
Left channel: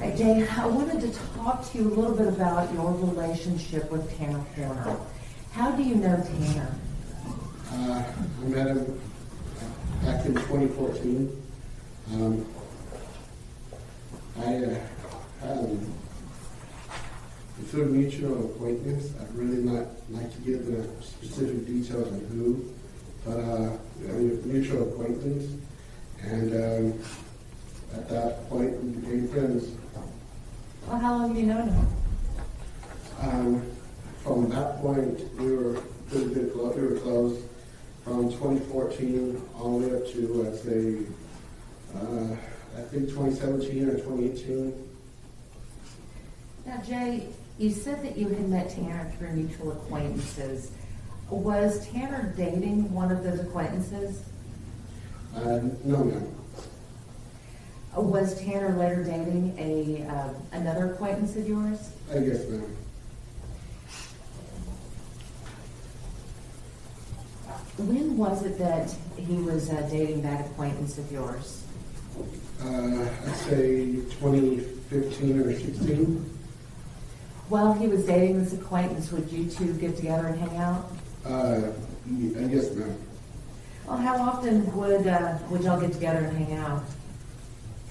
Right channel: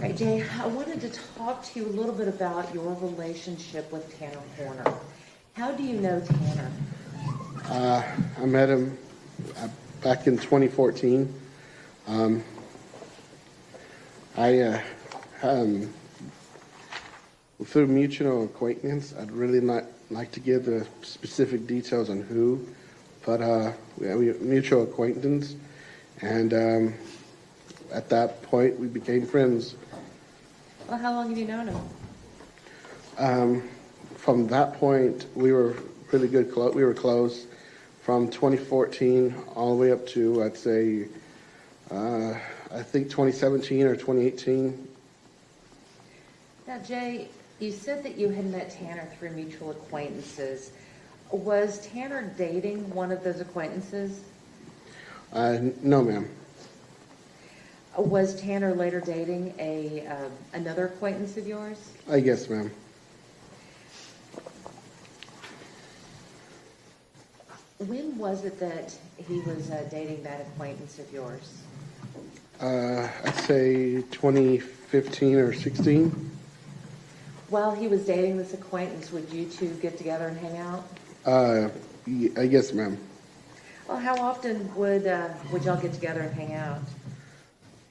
All right, Jay, I wanted to talk to you a little bit about your relationship with Tanner Horner. How do you know Tanner? I met him back in 2014. Through mutual acquaintance. I'd really not like to give the specific details on who, but we have a mutual acquaintance, and at that point we became friends. Well, how long have you known him? From that point, we were really good. We were close. From 2014 all the way up to, I'd say, I think 2017 or 2018. Now, Jay, you said that you had met Tanner through mutual acquaintances. Was Tanner dating one of those acquaintances? No, ma'am. Was Tanner later dating another acquaintance of yours? Yes, ma'am. When was it that he was dating that acquaintance of yours? I'd say 2015 or 16. While he was dating this acquaintance, would you two get together and hang out? Yes, ma'am. Well, how often would y'all get together and hang out?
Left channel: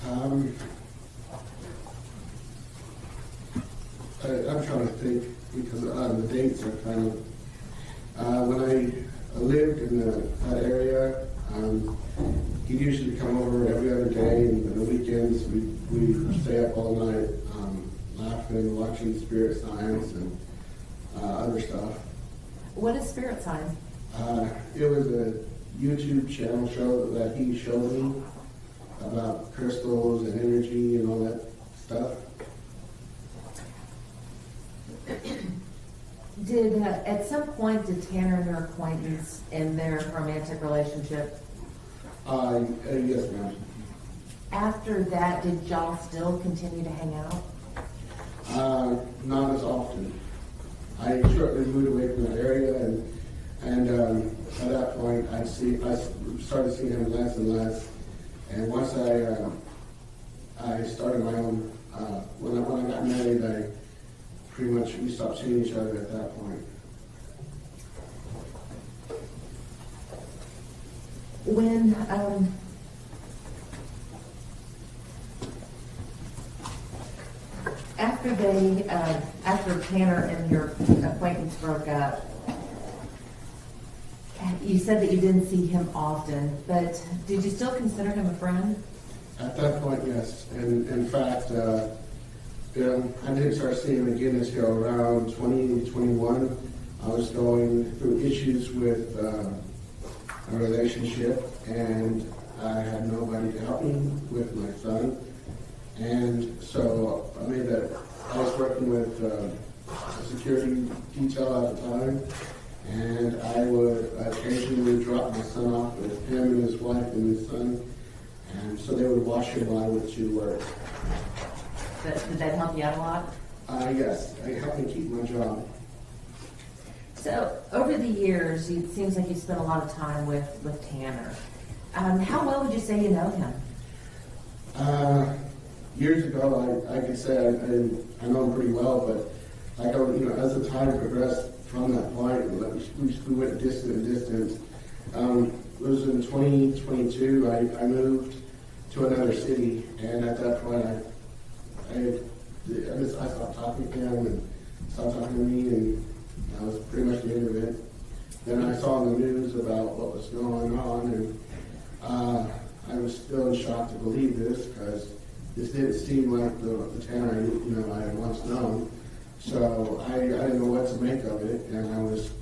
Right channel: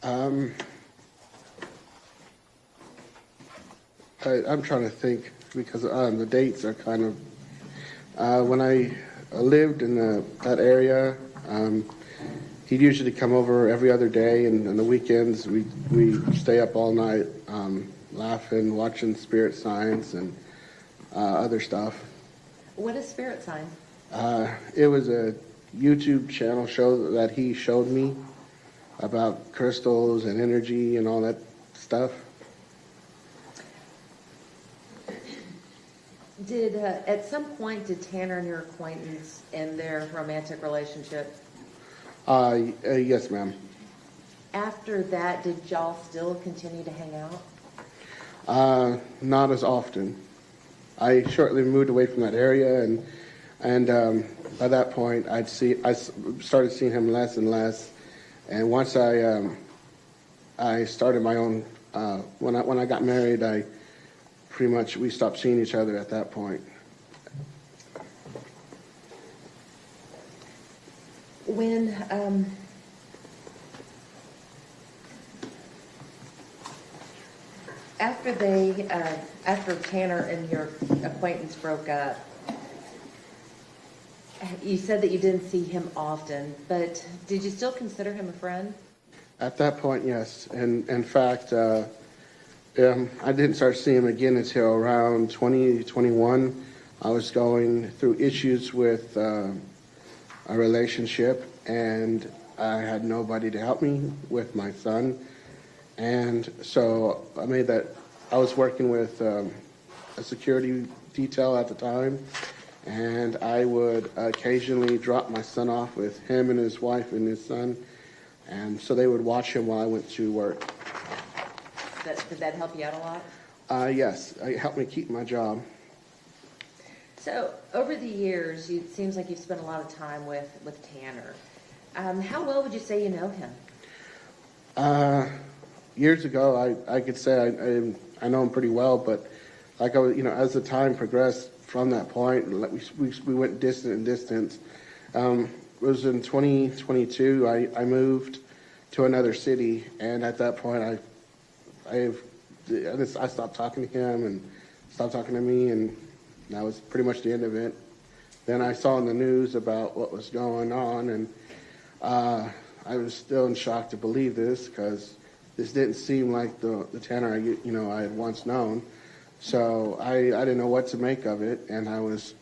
I'm trying to think because the dates are kind of. When I lived in that area, he'd usually come over every other day, and on the weekends we'd stay up all night laughing, watching Spirit Science and other stuff. What is Spirit Science? It was a YouTube channel show that he showed me about crystals and energy and all that stuff. At some point, did Tanner and your acquaintance end their romantic relationship? Yes, ma'am. After that, did y'all still continue to hang out? Not as often. I shortly moved away from that area, and by that point, I started seeing him less and less. And once I started my own, when I got married, we stopped seeing each other at that point. When after Tanner and your acquaintance broke up, you said that you didn't see him often, but did you still consider him a friend? At that point, yes. And in fact, I didn't start seeing him again until around 2021. I was going through issues with a relationship, and I had nobody to help me with my son. And so I was working with a security detail at the time, and I would occasionally drop my son off with him and his wife and his son, and so they would watch him while I went to work. Did that help you out a lot? Yes, it helped me keep my job. So over the years, it seems like you've spent a lot of time with Tanner. How well would you say you know him? Years ago, I could say I know him pretty well, but as the time progressed from that point, we went distant. It was in 2022. I moved to another city, and at that point, I stopped talking to him and stopped talking to me, and that was pretty much the end of it. Then I saw in the news about what was going on, and I was still in shock to believe this because this didn't seem like the Tanner I had once known. So I didn't know what to make of it, and I was,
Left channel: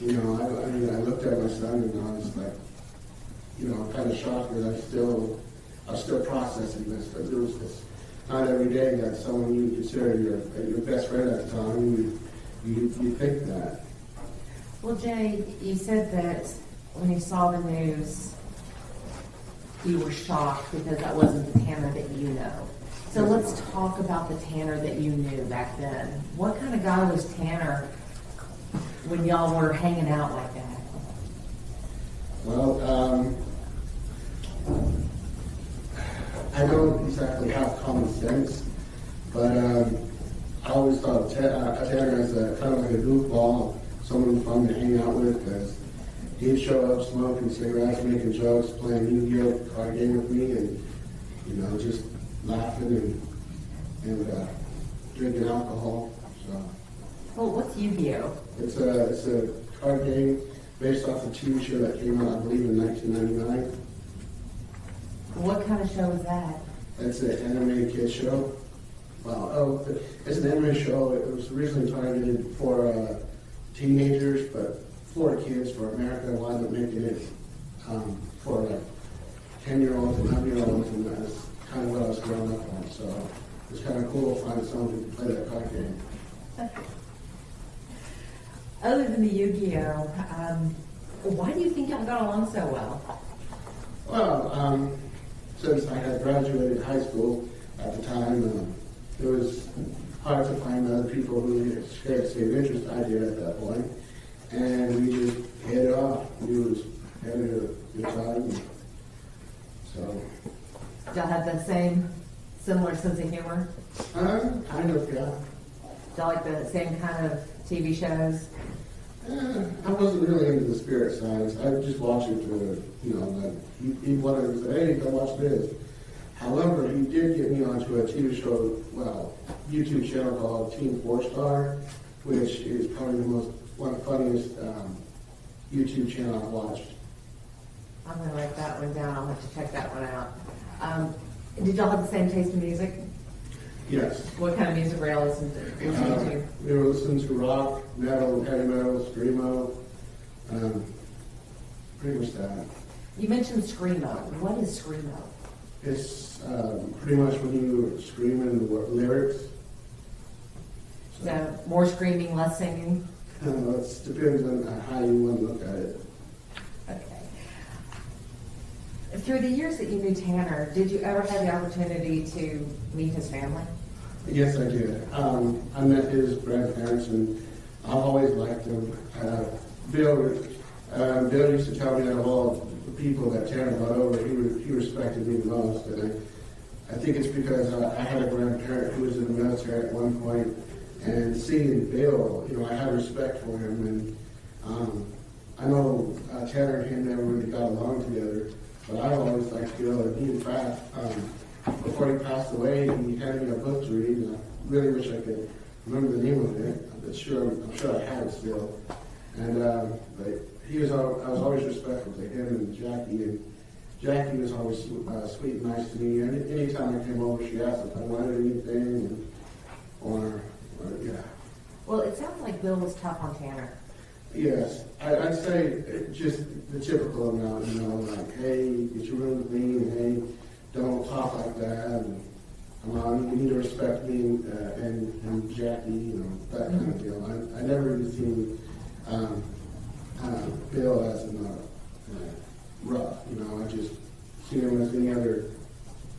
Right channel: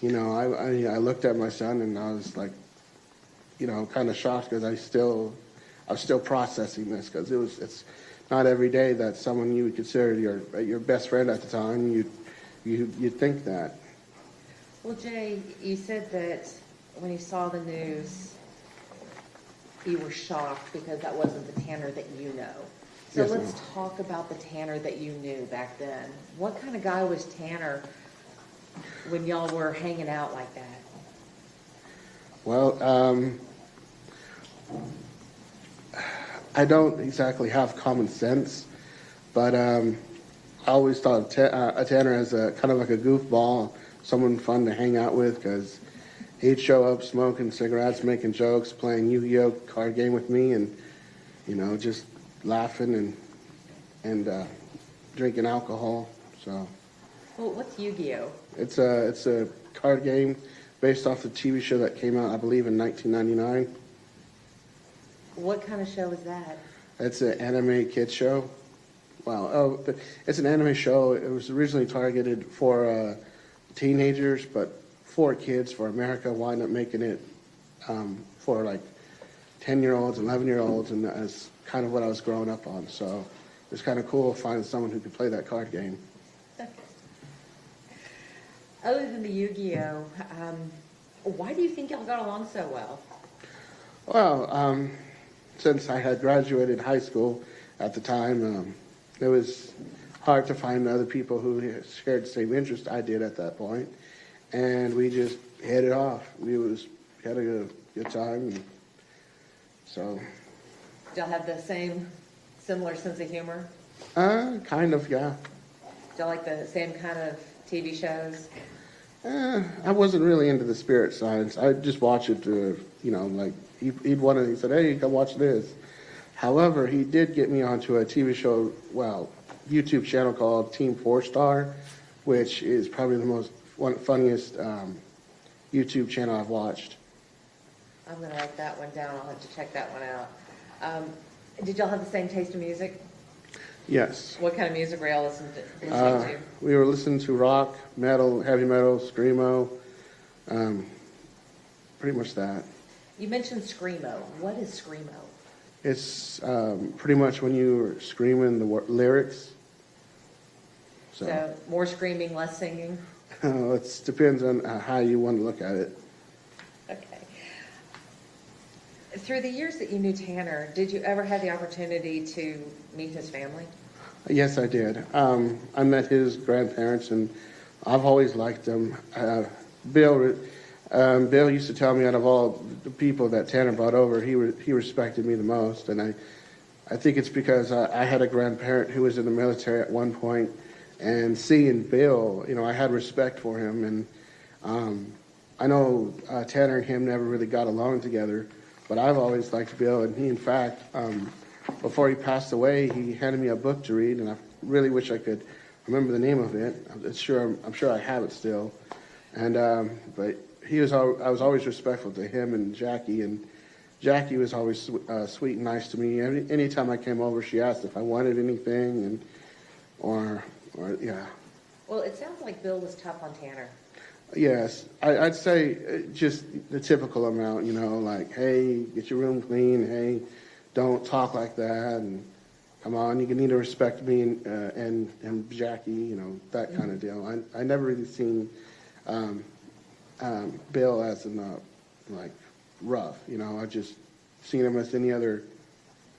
I looked at my son and I was like, kind of shocked because I was still processing this because not every day that someone you would consider your best friend at the time, you'd think that. Well, Jay, you said that when you saw the news, you were shocked because that wasn't the Tanner that you know. So Yes. let's talk about the Tanner that you knew back then. What kind of guy was Tanner when y'all were hanging out like that? Well, I don't exactly have common sense, but I always thought Tanner as a kind of like a goofball, someone fun to hang out with, because he'd show up smoking cigarettes, making jokes, playing Yu-Gi-Oh card game with me, and just laughing and drinking alcohol. So. Well, what's Yu-Gi-Oh? It's a card game based off the TV show that came out, I believe, in 1999. What kind of show is that? It's an anime kid show. Wow. It's an anime show. It was originally targeted for teenagers, but for kids, for America, wound up making it for like 10-year-olds, 11-year-olds, and that's kind of what I was growing up on. So it was kind of cool to find someone who could play that card game. Other than the Yu-Gi-Oh, why do you think y'all got along so well? Well, since I had graduated high school at the time, it was hard to find other people who shared the same interest I did at that point, and we just hit it off. We had a good time. So. Y'all have the same, similar sense of humor? Kind of, yeah. Y'all like the same kind of TV shows? I wasn't really into the spirit science. I just watch it to, like, he wanted and said, hey, come watch this. However, he did get me onto a TV show, YouTube channel called Team 4-Star, which is probably the funniest YouTube channel I've watched. I'm going to write that one down. I'll have to check that one out. Did y'all have the same taste in music? Yes. What kind of music were y'all listening to? We were listening to rock, metal, heavy metal, screamo, pretty much that. You mentioned screamo. What is screamo? It's pretty much when you're screaming the lyrics. So more screaming, less singing? It depends on how you want to look at it. Okay. Through the years that you knew Tanner, did you ever have the opportunity to meet his family? Yes, I did. I met his grandparents, and I've always liked them. Bill used to tell me out of all the people that Tanner brought over, he respected me the most, and I think it's because I had a grandparent who was in the military at one point, and seeing Bill, I had respect for him, and I know Tanner and him never really got along together, but I've always liked Bill, and he, in fact, before he passed away, he handed me a book to read, and I really wish I could remember the name of it. I'm sure I have it still. And but I was always respectful to him and Jackie was always sweet and nice to me. Anytime I came over, she asked if I wanted anything, or yeah. Well, it sounds like Bill was tough on Tanner. Yes, I'd say just the typical amount, like, hey, get your room clean, hey, don't talk like that, and come on, you need to respect me and Jackie, that kind of deal. I never really seen Bill as rough, I just seen him as any other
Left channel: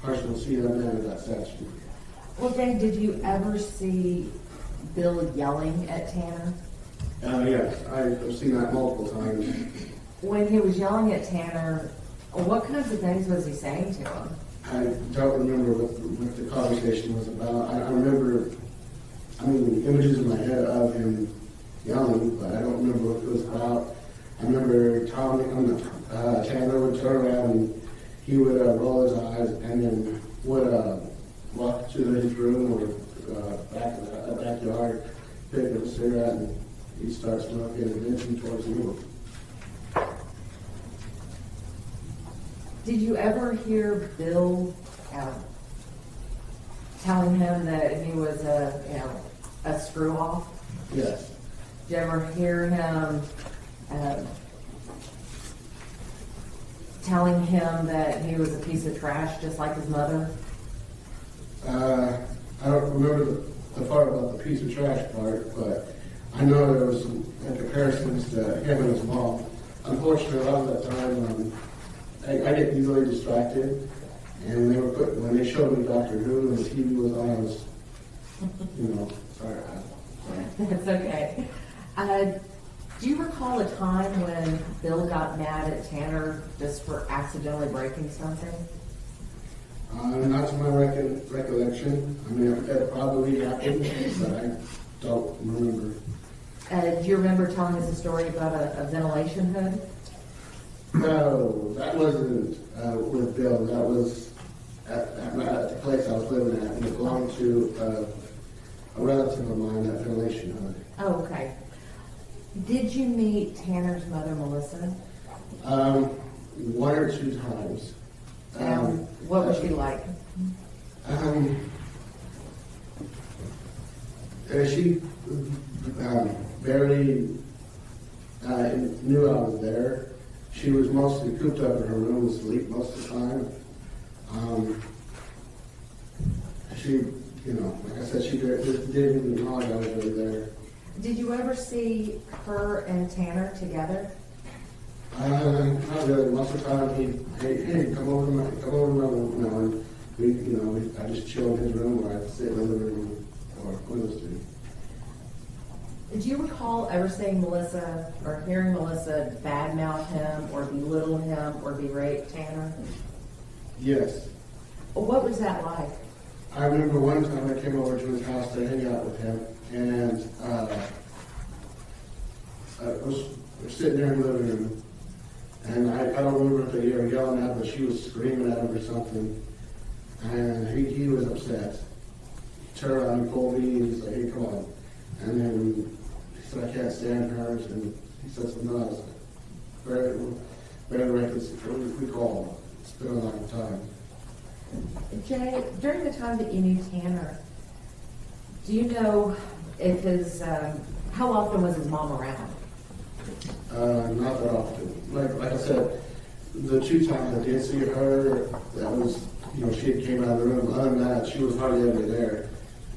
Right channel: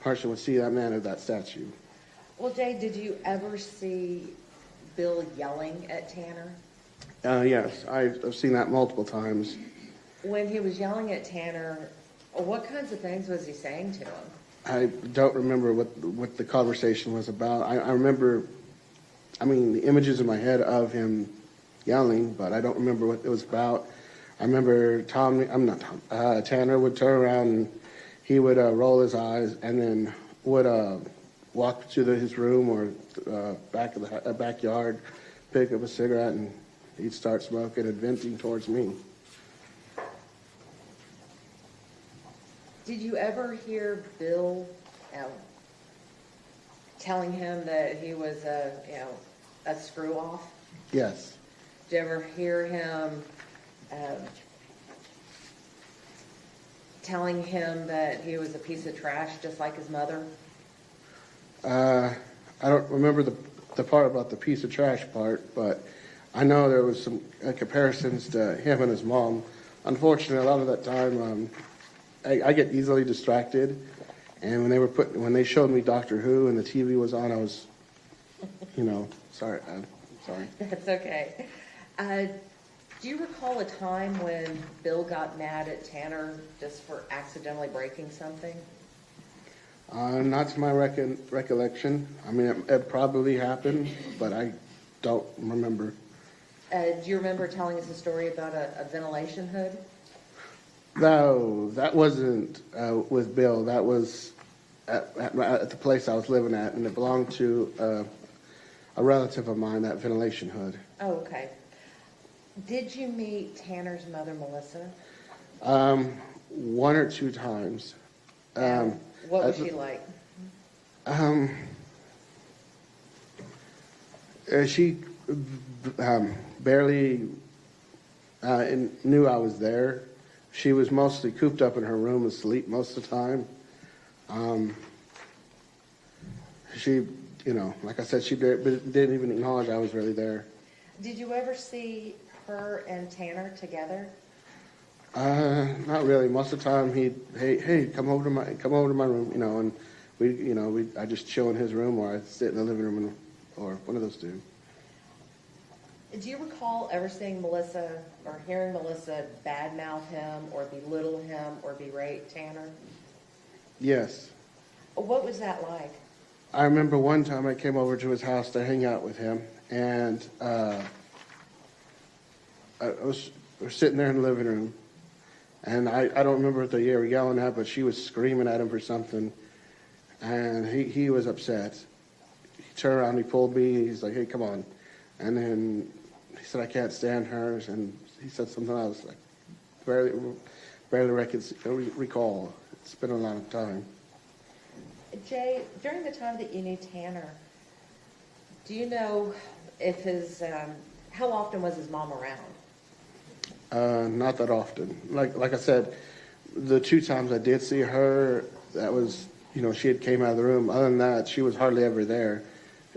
person would see that man of that statue. Well, Jay, did you ever see Bill yelling at Tanner? Yes, I've seen that multiple times. When he was yelling at Tanner, what kinds of things was he saying to him? I don't remember what the conversation was about. I remember, the images in my head of him yelling, but I don't remember what it was about. I remember Tanner would turn around and he would roll his eyes and then would walk to his room or back in the backyard, pick up a cigarette, and he'd start smoking and venting towards me. Did you ever hear Bill telling him that he was a screw off? Yes. Did you ever hear him telling him that he was a piece of trash, just like his mother? remember the part about the piece of trash part, but I know there was some comparisons to him and his mom. Unfortunately, a lot of that time, I get easily distracted, and when they showed me Doctor Who and the TV was on, I was, sorry, man, sorry. It's okay. Do you recall a time when Bill got mad at Tanner just for accidentally breaking something? Not to my recollection. I mean, it probably happened, but I don't remember. Do you remember telling us a story about a ventilation hood? No, that wasn't with Bill. That was at the place I was living at, and it belonged to a relative of mine, that ventilation hood. Oh, okay. Did you meet Tanner's mother, Melissa? One or two times. What was she like? She barely knew I was there. She was mostly cooped up in her room asleep most of the time. She, like I said, she didn't even acknowledge I was really there. Did you ever see her and Tanner together? Not really. Most of the time, hey, come over to my room, and I just chill in his room, or I'd sit in the living room, or one of those two. Do you recall ever seeing Melissa or hearing Melissa badmouth him or belittle him or berate Tanner? Yes. What was that like? I remember one time I came over to his house to hang out with him, and we're sitting there in the living room, and I don't remember what they were yelling at, but she was screaming at him for something, and he was upset. He turned around, he pulled me, and he's like, hey, come on. And then he said, I can't stand her, and he said something else. Barely recall. It's been a long time. Jay, during the time that you knew Tanner, do you know if how often was his mom around? Not that often. Like I said, the two times I did see her, that was, she had came out of the room. Other than that, she was hardly ever there.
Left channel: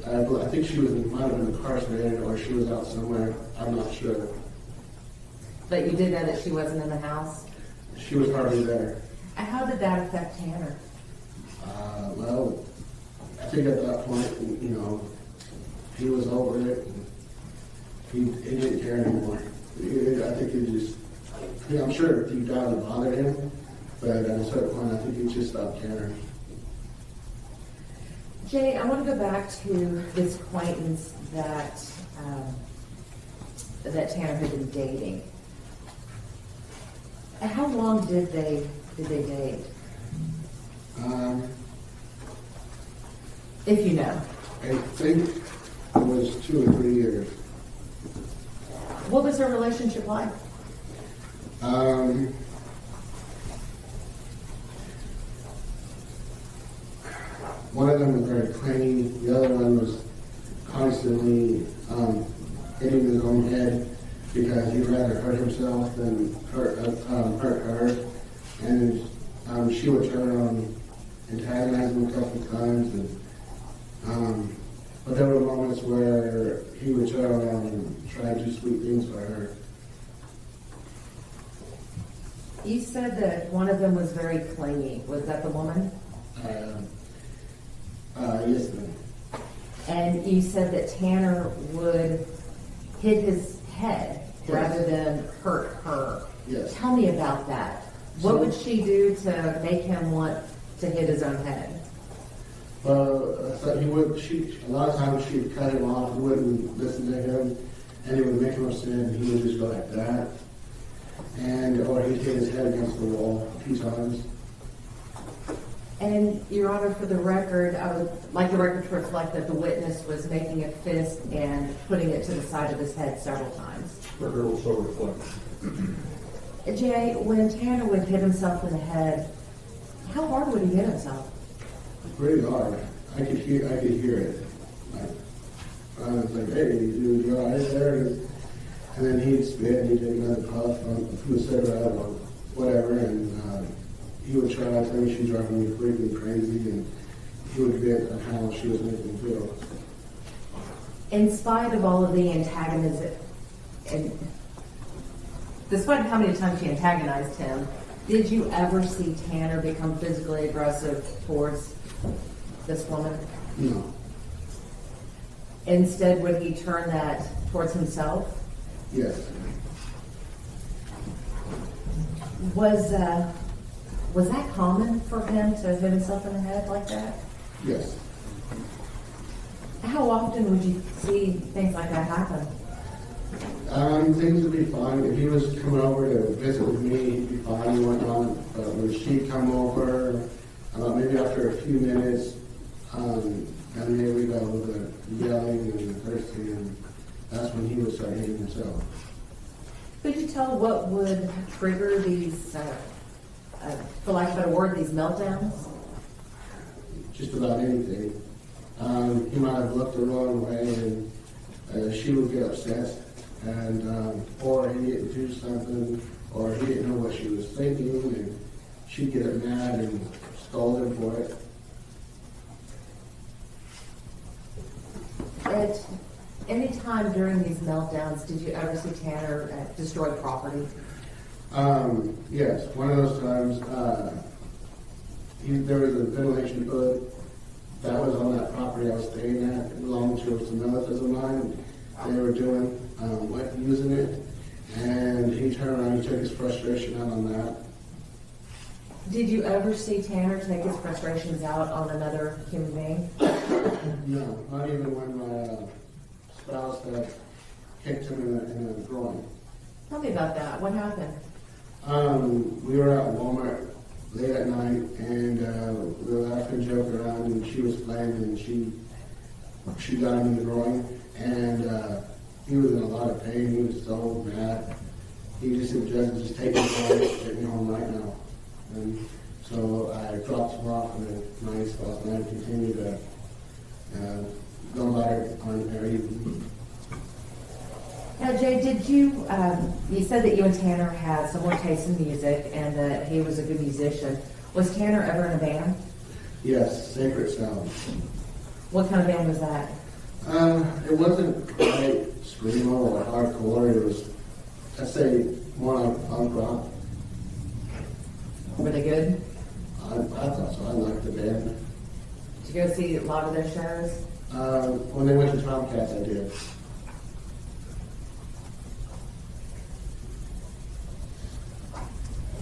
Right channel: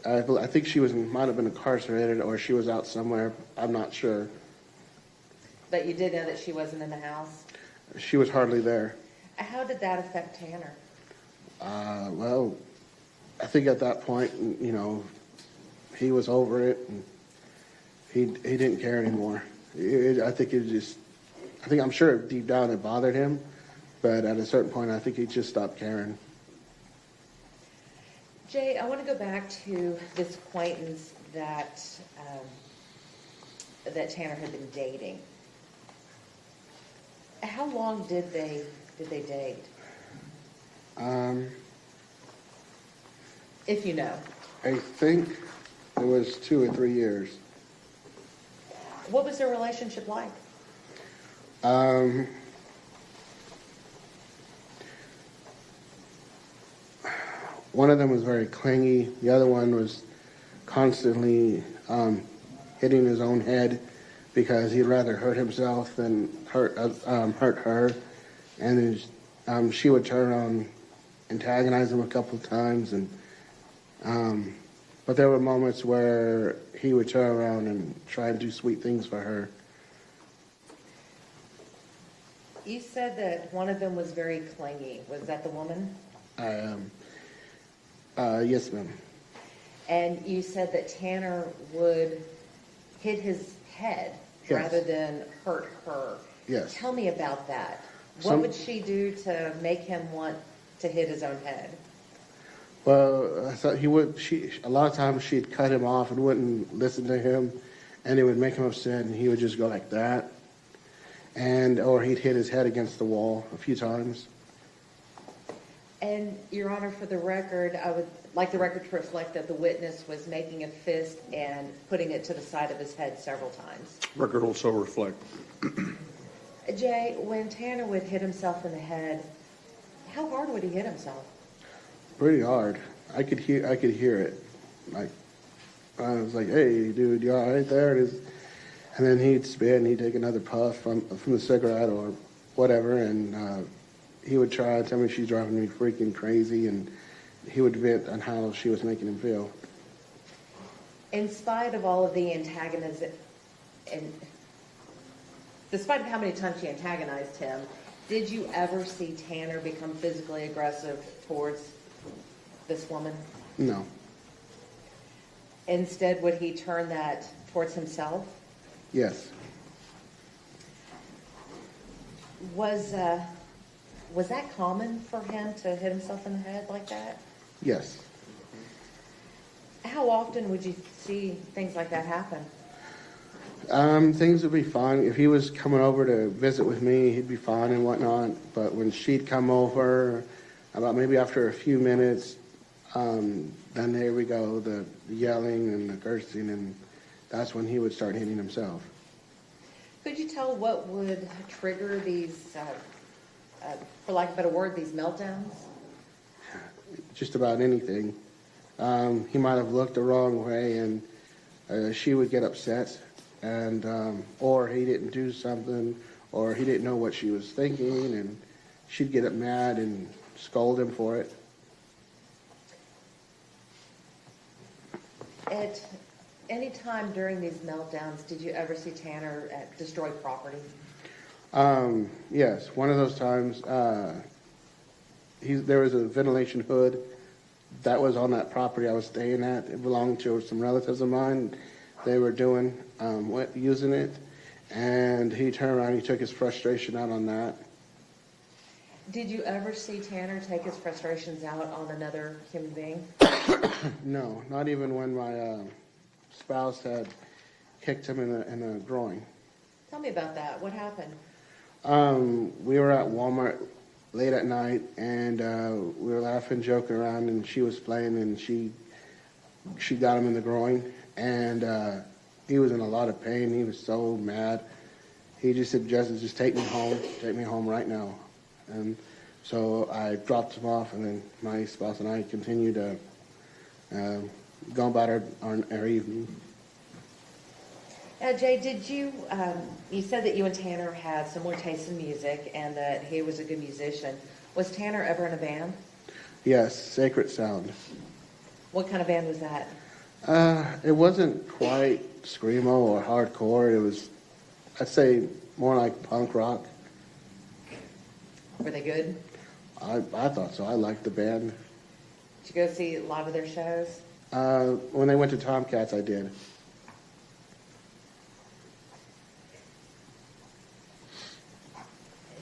I think she might have been incarcerated, or she was out somewhere. I'm not sure. But you did know that she wasn't in the house? She was hardly there. And how did that affect Tanner? Well, I think at that point, he was over it, and he didn't care anymore. I'm sure deep down it bothered him, but at a certain point, I think he just stopped caring. Jay, I want to go back to this acquaintance that Tanner had been dating. How long did they date? If you know. I think it was 2 or 3 years. What was their relationship like? One of them was very clingy. The other one was constantly hitting his own head because he'd rather hurt himself than hurt her. And she would turn around and antagonize him a couple of times. But there were moments where he would turn around and try and do sweet things for her. You said that one of them was very clingy. Was that the woman? Yes, ma'am. And you said that Tanner would hit his head rather than hurt her. Yes. Tell me about that. What would she do to make him want to hit his own head? Well, I thought a lot of times she'd cut him off and wouldn't listen to him, and it would make him upset, and he would just go like that. Or he'd hit his head against the wall a few times. And, Your Honor, for the record, I would like the record to reflect that the witness was making a fist and putting it to the side of his head several times. Record also reflect. Jay, when Tanner would hit himself in the head, how hard would he hit himself? Pretty hard. I could hear it. I was like, hey, dude, you all right there? And then he'd spit and he'd take another puff from the cigarette or whatever, and he would try to tell me she's driving me freaking crazy, and he would admit on how she was making him feel. In spite of all of the antagonism, and despite how many times she antagonized him, did you ever see Tanner become physically aggressive towards this woman? No. Instead, would he turn that towards himself? Yes. Was that common for him to hit himself in the head like that? Yes. How often would you see things like that happen? Things would be fine. If he was coming over to visit with me, he'd be fine and whatnot. But when she'd come over, about maybe after a few minutes, then there we go, the yelling and the cursing, and that's when he would start hitting himself. Could you tell what would trigger these, for lack of a better word, these meltdowns? Just about anything. He might have looked the wrong way, and she would get upset, and or he didn't do something, or he didn't know what she was thinking, and she'd get up mad and scold him for it. At any time during these meltdowns, did you ever see Tanner destroy property? Yes, one of those times, there was a ventilation hood that was on that property I was staying at. It belonged to some relatives of mine. They were using it, and he turned around and he took his frustration out on that. Did you ever see Tanner take his frustrations out on another human being? No, not even when my spouse had kicked him in the groin. Tell me about that. What happened? We were at Walmart late at night, and we were laughing, joking around, and she was playing, and she got him in the groin, and he was in a lot of pain. He was so mad. He just suggested, just take me home right now. And so I dropped him off, and then my spouse and I continued to go about our evening. Now, Jay, did you said that you and Tanner had similar tastes in music and that he was a good musician. Was Tanner ever in a band? Yes, Sacred Sound. What kind of band was that? It wasn't quite screamo or hardcore. It was, I'd say, more like punk rock. Were they good? I thought so. I liked the band. Did you go see a lot of their shows? When they went to Tomcats, I did.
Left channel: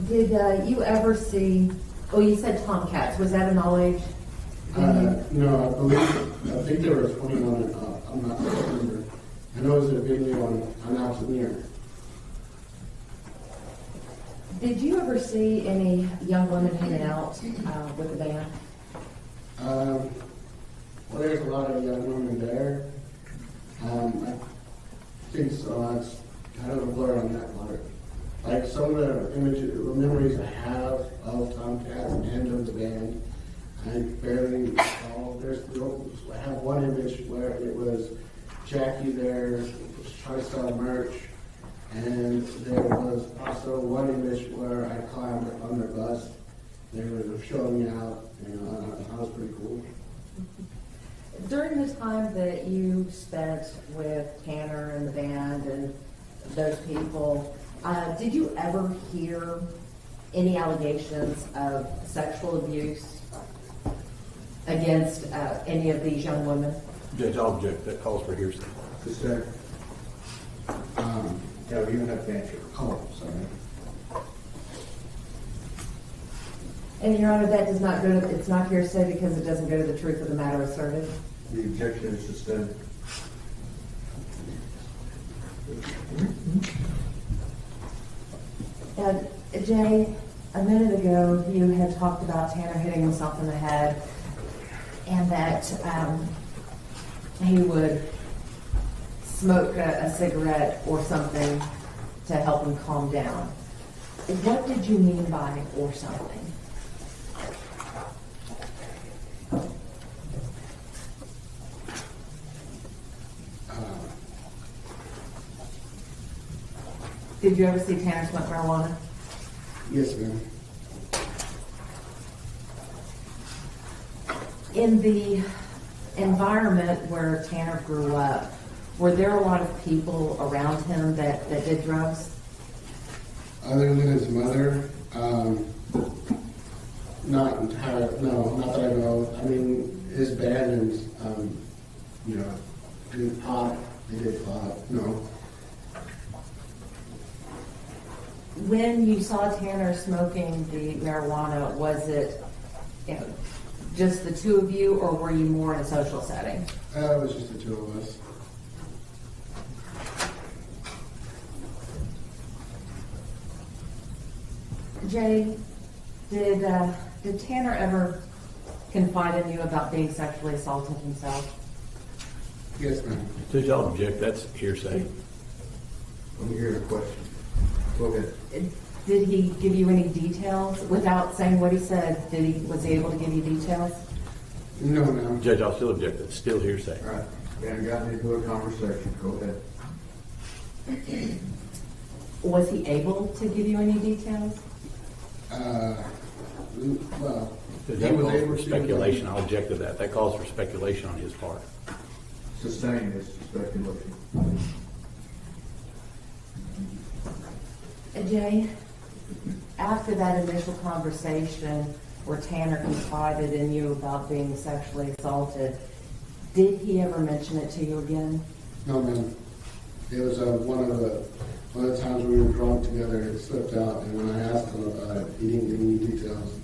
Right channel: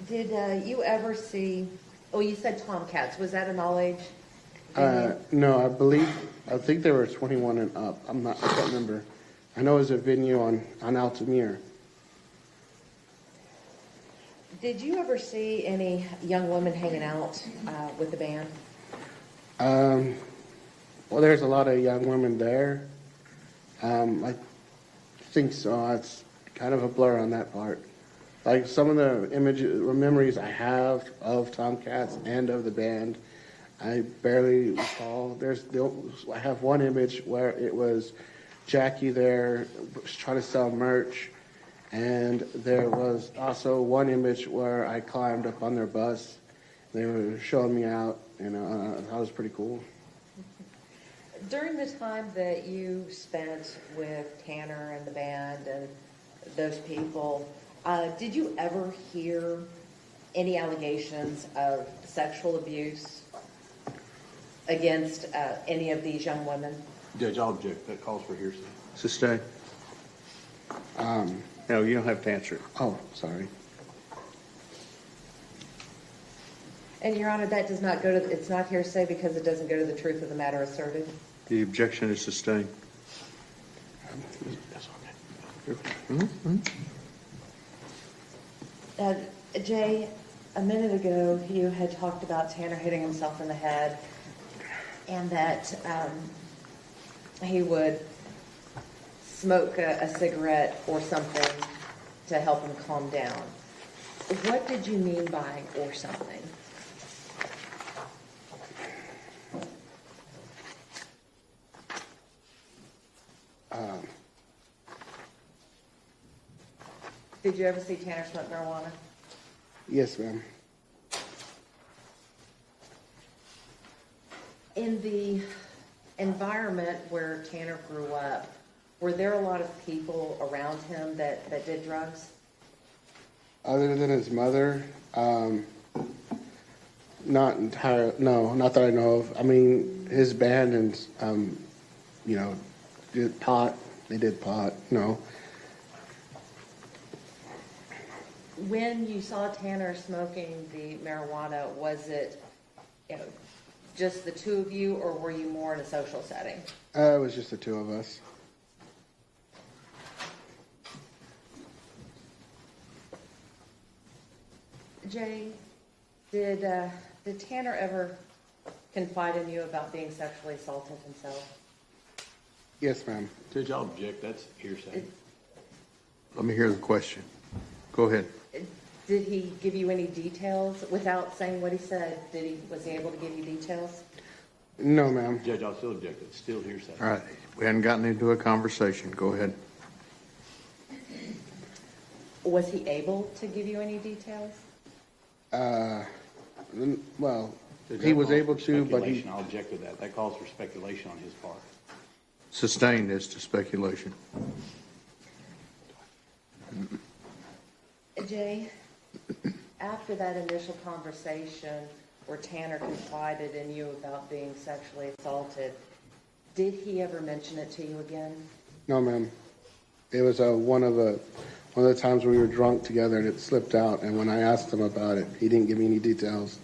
Did you ever see, you said Tomcats. Was that an all-age venue? No, I think they were 21 and up. I don't remember. I know it was a venue on Altamir. Did you ever see any young women hanging out with the band? Well, there's a lot of young women there. I think so. It's kind of a blur on that part. Like some of the memories I have of Tomcats and of the band, I barely recall. I have one image where it was Jackie there trying to sell merch, and there was also one image where I climbed up on their bus. They were showing me out, and that was pretty cool. During the time that you spent with Tanner and the band and those people, did you ever hear any allegations of sexual abuse against any of these young women? Judge, I'll object. That calls for hearsay. Sustain. No, you don't have to answer. Oh, sorry. And Your Honor, that does not go to, it's not hearsay because it doesn't go to the truth of the matter asserted. The objection is sustained. Jay, a minute ago, you had talked about Tanner hitting himself in the head and that he would smoke a cigarette or something to help him calm down. What did you mean by or something? Did you ever see Tanner smoke marijuana? Yes, ma'am. In the environment where Tanner grew up, Were there a lot of people around him that did drugs? Other than his mother, not entirely, no, not that I know of. I mean, his band and, you know, did pot, they did pot, no. When you saw Tanner smoking the marijuana, was it, you know, just the two of you, or were you more in a social setting? It was just the two of us. Jay, did Tanner ever confide in you about being sexually assaulted himself? Yes, ma'am. Did y'all object? That's hearsay. Let me hear the question. Go ahead. Did he give you any details without saying what he said? Was he able to give you details? No, ma'am. Judge, I'll still object. It's still hearsay. All right. We hadn't gotten into a conversation. Go ahead. Was he able to give you any details? Well, Does he that was call able for to, but speculation? I'll object to that. That calls for speculation on his part. Sustain this to speculation. Jay, after that initial conversation where Tanner confided in you about being sexually assaulted, did he ever mention it to you again? No, ma'am. It was one of the times we were drunk together and it slipped out, and when I asked him about it, he didn't give me any details.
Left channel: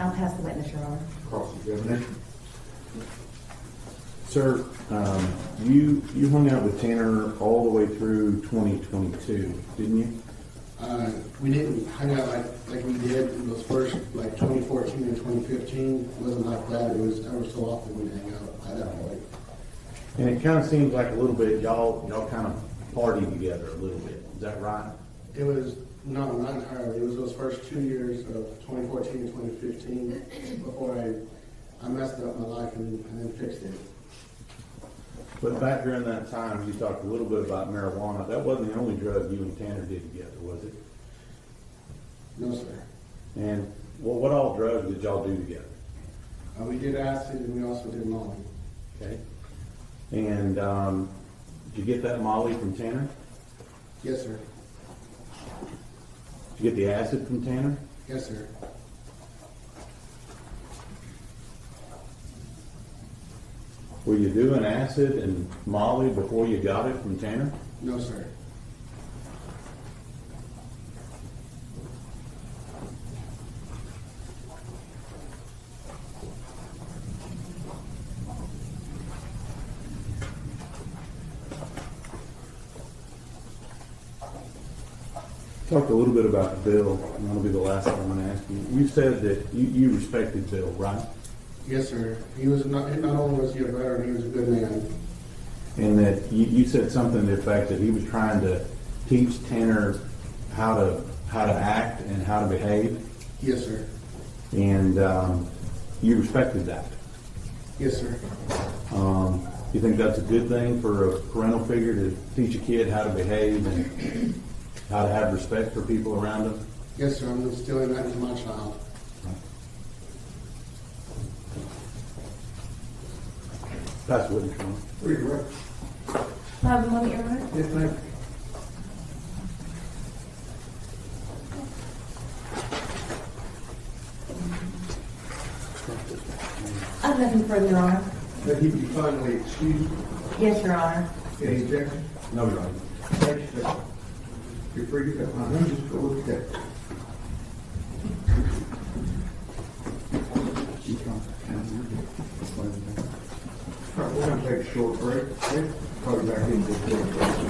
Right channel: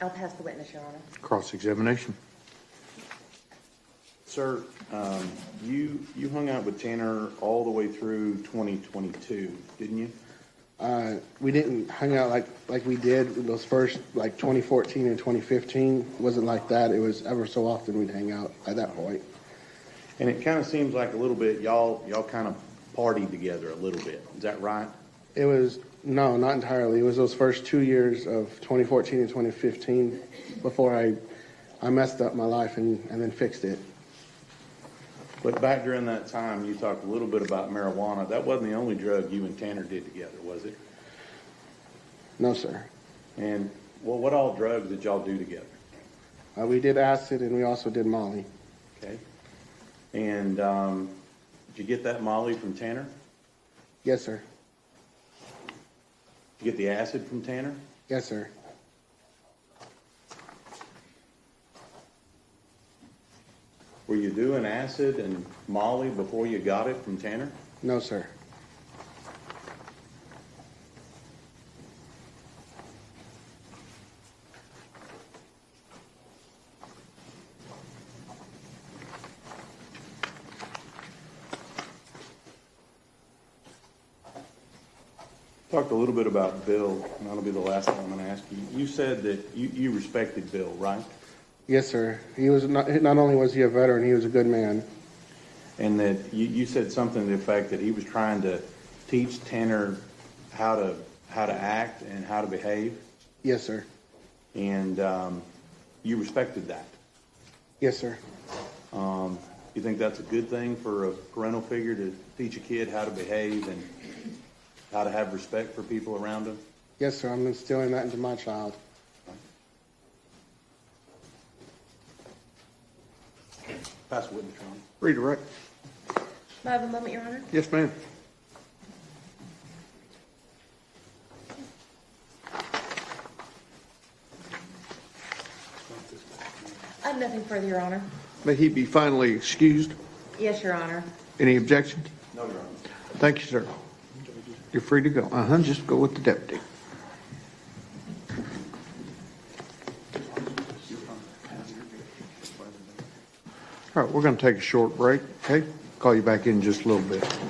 I'll pass the witness, Your Honor. Cross-examination. Sir, you hung out with Tanner all the way through 2022, didn't you? We didn't hang out like we did in those first, like 2014 and 2015. It wasn't like that. It was ever so often we'd hang out at that point. And it kind of seems like a little bit y'all kind of partied together a little bit. Is that right? It was, no, not entirely. It was those first 2 years of 2014 and 2015 before I messed up my life and then fixed it. But back during that time, you talked a little bit about marijuana. That wasn't the only drug you and Tanner did together, was it? No, sir. And what all drugs did y'all do together? We did acid and we also did Molly. Okay. And did you get that Molly from Tanner? Yes, sir. Did you get the acid from Tanner? Yes, sir. Were you doing acid and Molly before you got it from Tanner? No, sir. Talked a little bit about Bill, and that'll be the last thing I'm going to ask you. You said that you respected Bill, right? Yes, sir. He was not only was he a veteran, he was a good man. And that you said something to the effect that he was trying to teach Tanner how to act and how to behave. Yes, sir. And you respected that. Yes, sir. You think that's a good thing for a parental figure to teach a kid how to behave and how to have respect for people around him? Yes, sir. I'm instilling that into my child. Pass witness, Sean. Read it right. Have a moment, Your Honor. Yes, ma'am. I have nothing further, Your Honor. May he be finally excused. Yes, Your Honor. Any objections? No, Your Honor. Thank you, sir. You're free to go. Just go with the deputy. All right, we're going to take a short break, okay? Call you back in just a little bit.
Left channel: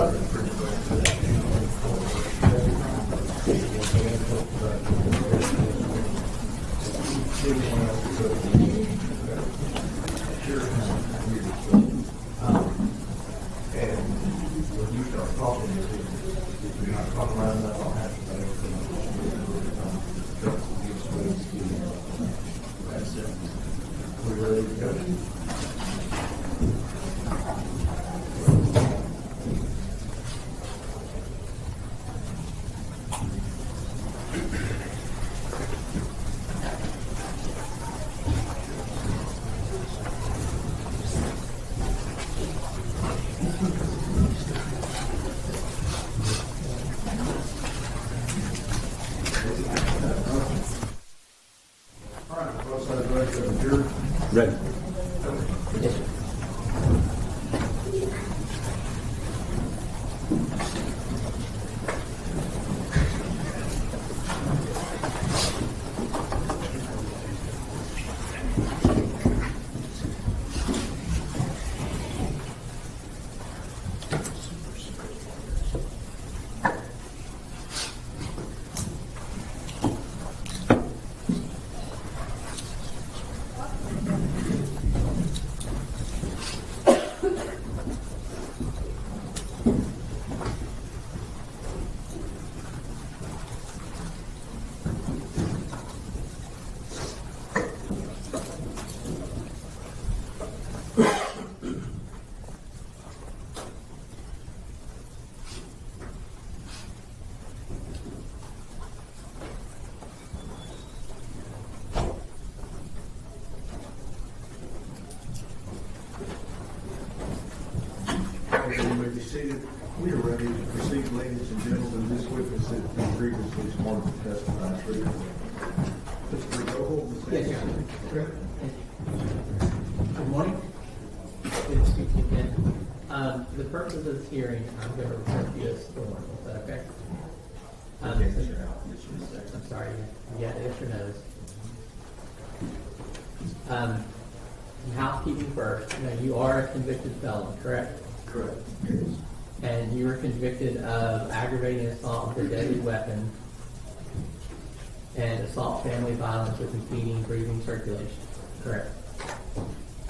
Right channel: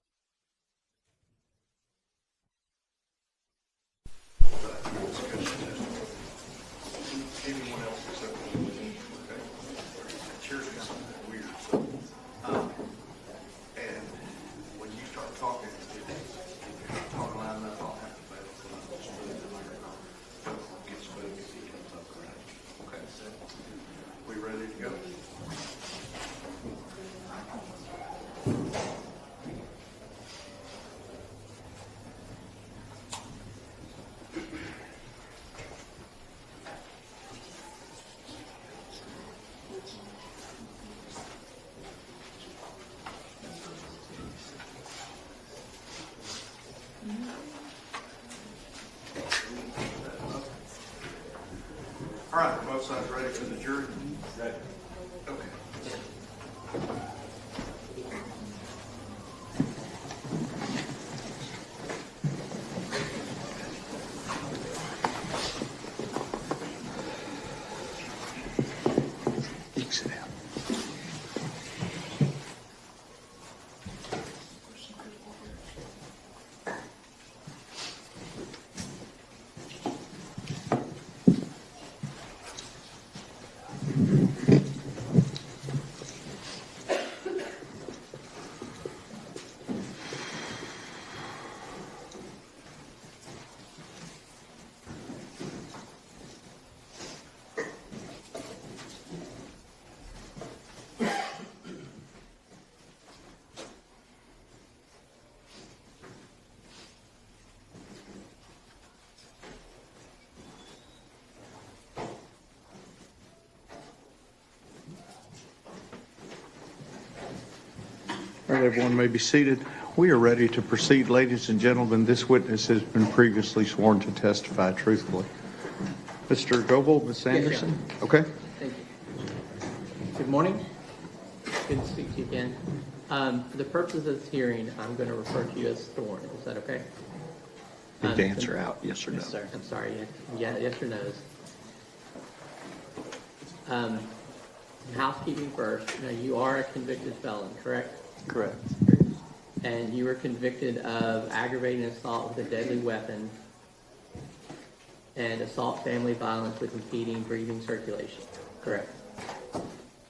All right, we're both sides ready for the jury? Ready. Everyone may be seated. We are ready to proceed, ladies and gentlemen. This witness has been previously sworn to testify truthfully. Mr. Goebel, Ms. Anderson? Okay. Thank you. Good morning. Good to speak to you again. For the purposes of this hearing, I'm going to refer to you as sworn. Is that okay? You have to answer out, yes or no. Yes, sir. I'm sorry. Yeah, yes or no's. Housekeeping first. Now, you are a convicted felon, correct? Correct. And you were convicted of aggravated assault with a deadly weapon and assault family violence with impeding breathing circulation, correct?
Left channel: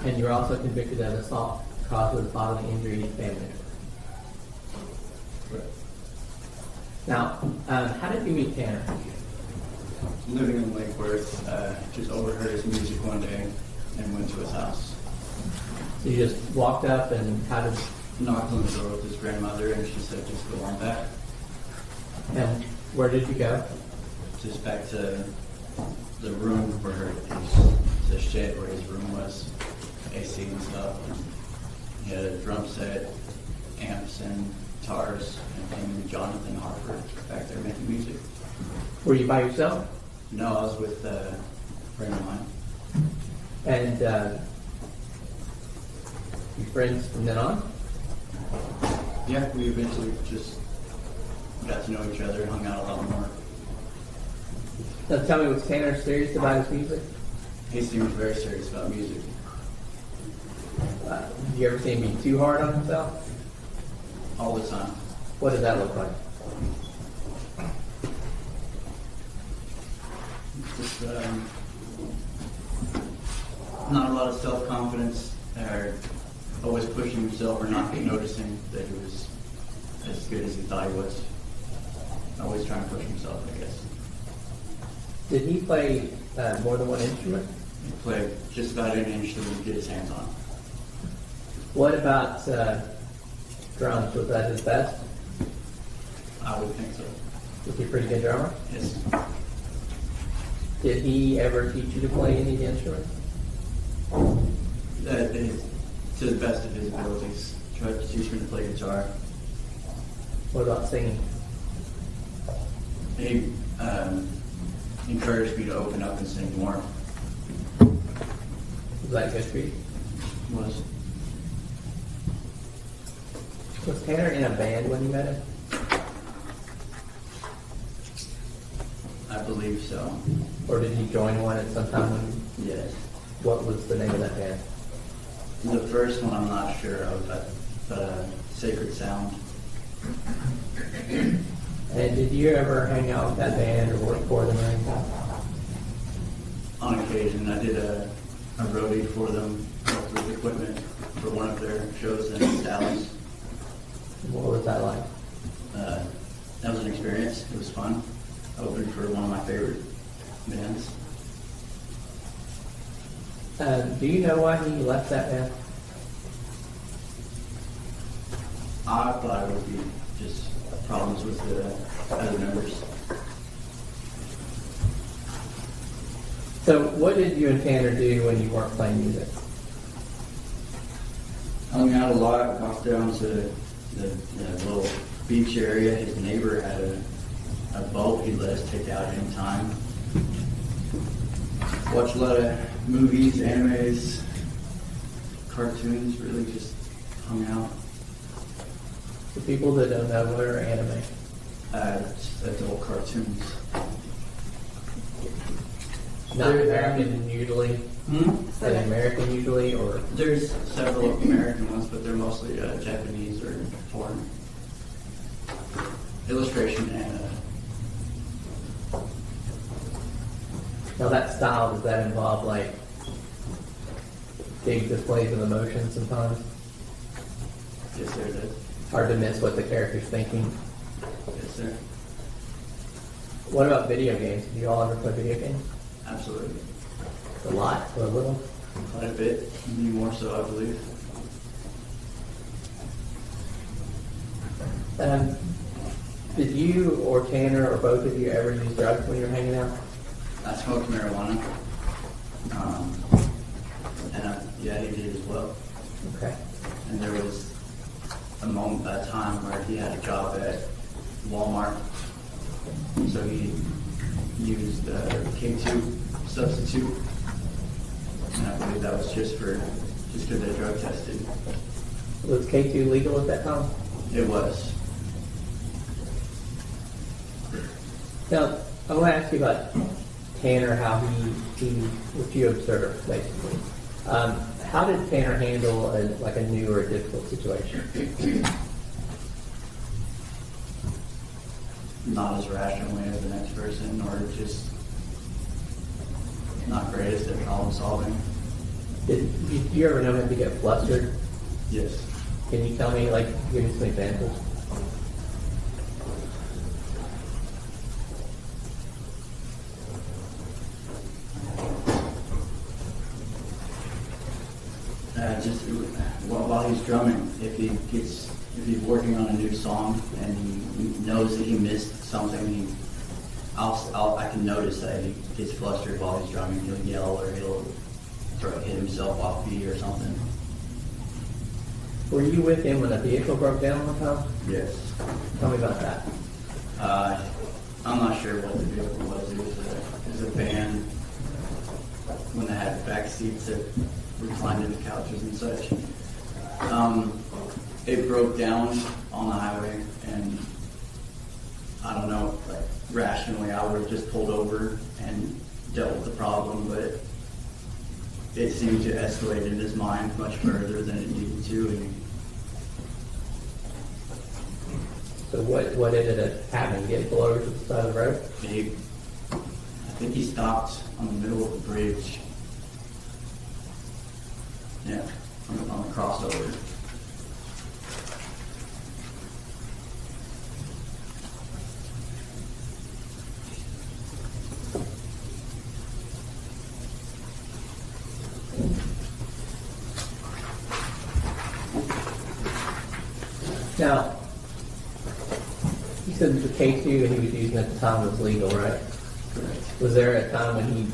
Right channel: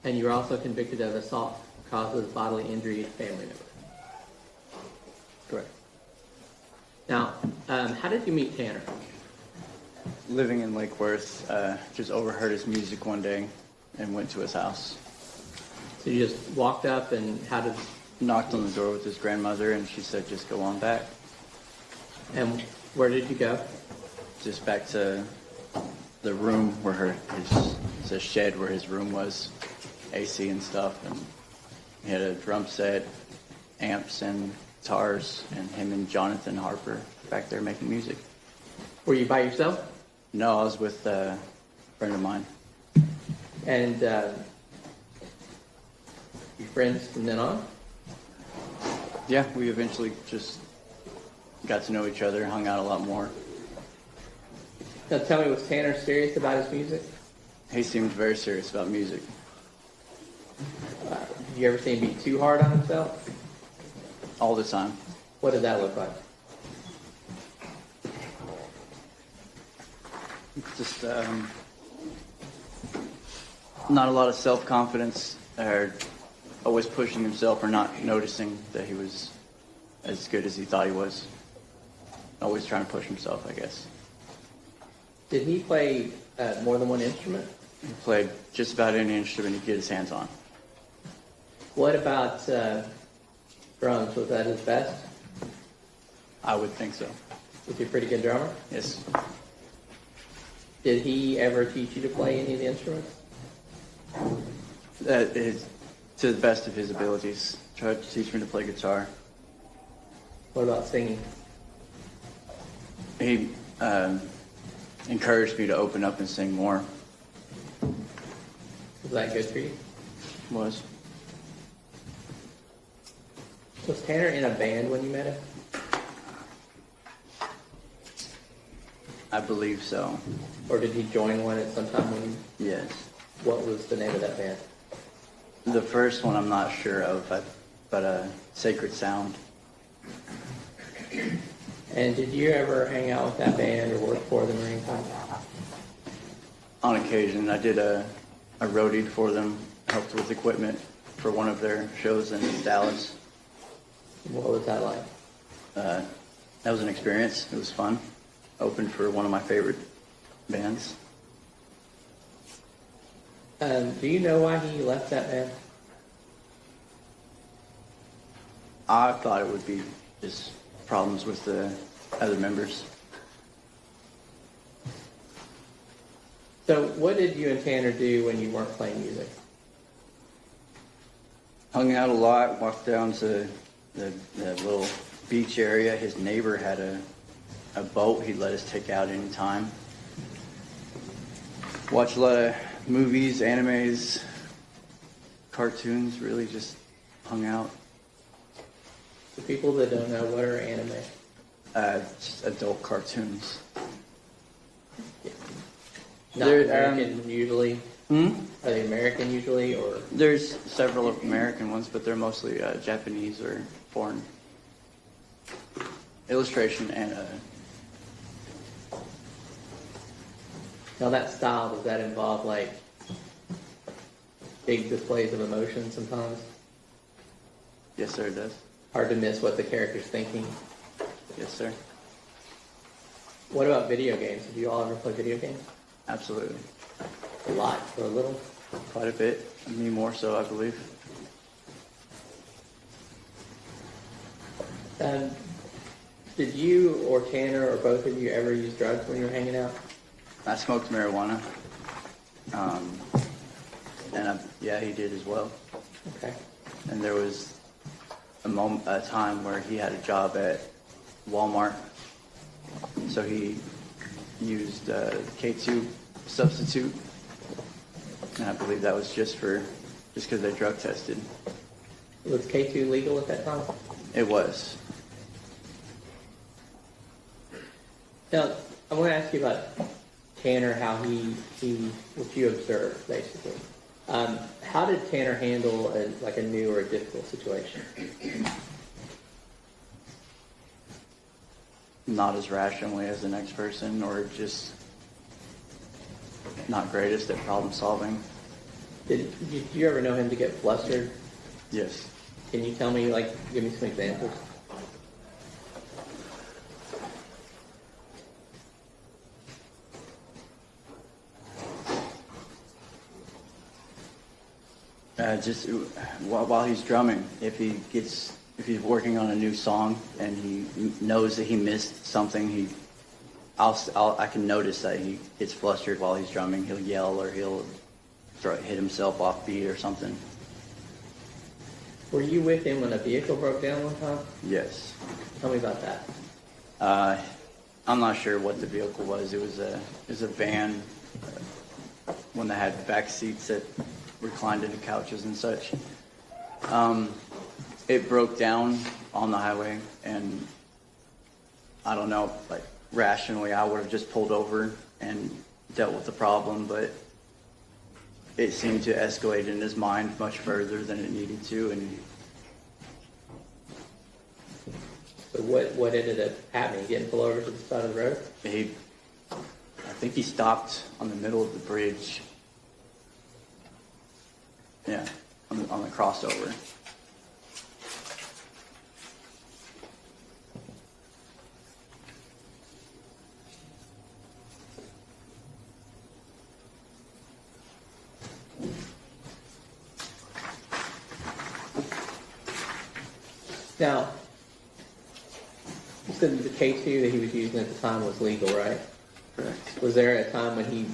And you were also convicted of assault causes bodily injury to family members. Correct. Now, how did you meet Tanner? Living in Lake Worth, just overheard his music one day and went to his house. So you just walked up and how did... Knocked on the door with his grandmother and she said, just go on back. And where did you go? Just back to the room where the shed where his room was, AC and stuff. And he had a drum set, amps and guitars, and him and Jonathan Harper back there making music. Were you by yourself? No, I was with a friend of mine. And you friends from then on? Yeah, we eventually just got to know each other, hung out a lot more. Now tell me, was Tanner serious about his music? He seemed very serious about music. Did you ever see him be too hard on himself? All the time. What did that look like? Just not a lot of self-confidence, or always pushing himself or not noticing that he was as good as he thought he was. Always trying to push himself, I guess. Did he play more than one instrument? He played just about any instrument he could get his hands on. What about drums? Was that his best? I would think so. Was he a pretty good drummer? Yes. Did he ever teach you to play any of the instruments? That is to the best of his abilities. Tried to teach me to play guitar. What about singing? He encouraged me to open up and sing more. Was that good for you? Was. Was Tanner in a band when you met him? I believe so. Or did he join one at some time when you... Yes. What was the name of that band? The first one I'm not sure of, but Sacred Sound. And did you ever hang out with that band or work for them or anything? On occasion, I did a roadie for them, helped with equipment for one of their shows in Dallas. What was that like? That was an experience. It was fun. Opened for one of my favorite bands. Do you know why he left that band? I thought it would be just problems with the other members. So what did you and Tanner do when you weren't playing music? Hung out a lot, walked down to the little beach area. His neighbor had a boat he'd let us take out anytime. Watched a lot of movies, animes, cartoons, really just hung out. For people that don't know, what are anime? Just adult cartoons. Not American usually? Are they American usually, or? There's several American ones, but they're mostly Japanese or foreign. Illustration and Now that style, does that involve like big displays of emotion sometimes? yes, sir, it does. Hard to miss what the character's thinking. Yes, sir. What about video games? Did you all ever play video games? Absolutely. A lot, or a little? Quite a bit. Me more so, I believe. Did you or Tanner or both of you ever use drugs when you were hanging out? I smoked marijuana. Yeah, he did as well. Okay. And there was a time where he had a job at Walmart, so he used K2 substitute, and I believe that was just because they drug tested. Was K2 legal at that time? It was. Now, I want to ask you about Tanner, how he what you observed, basically. How did Tanner handle a new or a difficult situation? Not as rationally as the next person, or just not greatest at problem solving. Did you ever know him to get flustered? Yes. Can you tell me, give me some examples? Just while he's drumming, if he's working on a new song and he knows that he missed something, I can notice that he gets flustered while he's drumming. He'll yell or he'll hit himself off beat or something. Were you with him when a vehicle broke down one time? Yes. Tell me about that. I'm not sure what the vehicle was. It was a van, when they had back seats that reclined into couches and such. It broke down on the highway, and I don't know, rationally I would have just pulled over and dealt with the problem, but it seemed to escalate in his mind much further than it needed to. And so what ended up happening? Getting pulled over to the side of the road? I think he stopped on the middle of the bridge. Yeah, on the crossover. Now, you said the K2 that he was using at the time was legal, right? Correct. Was there a time when he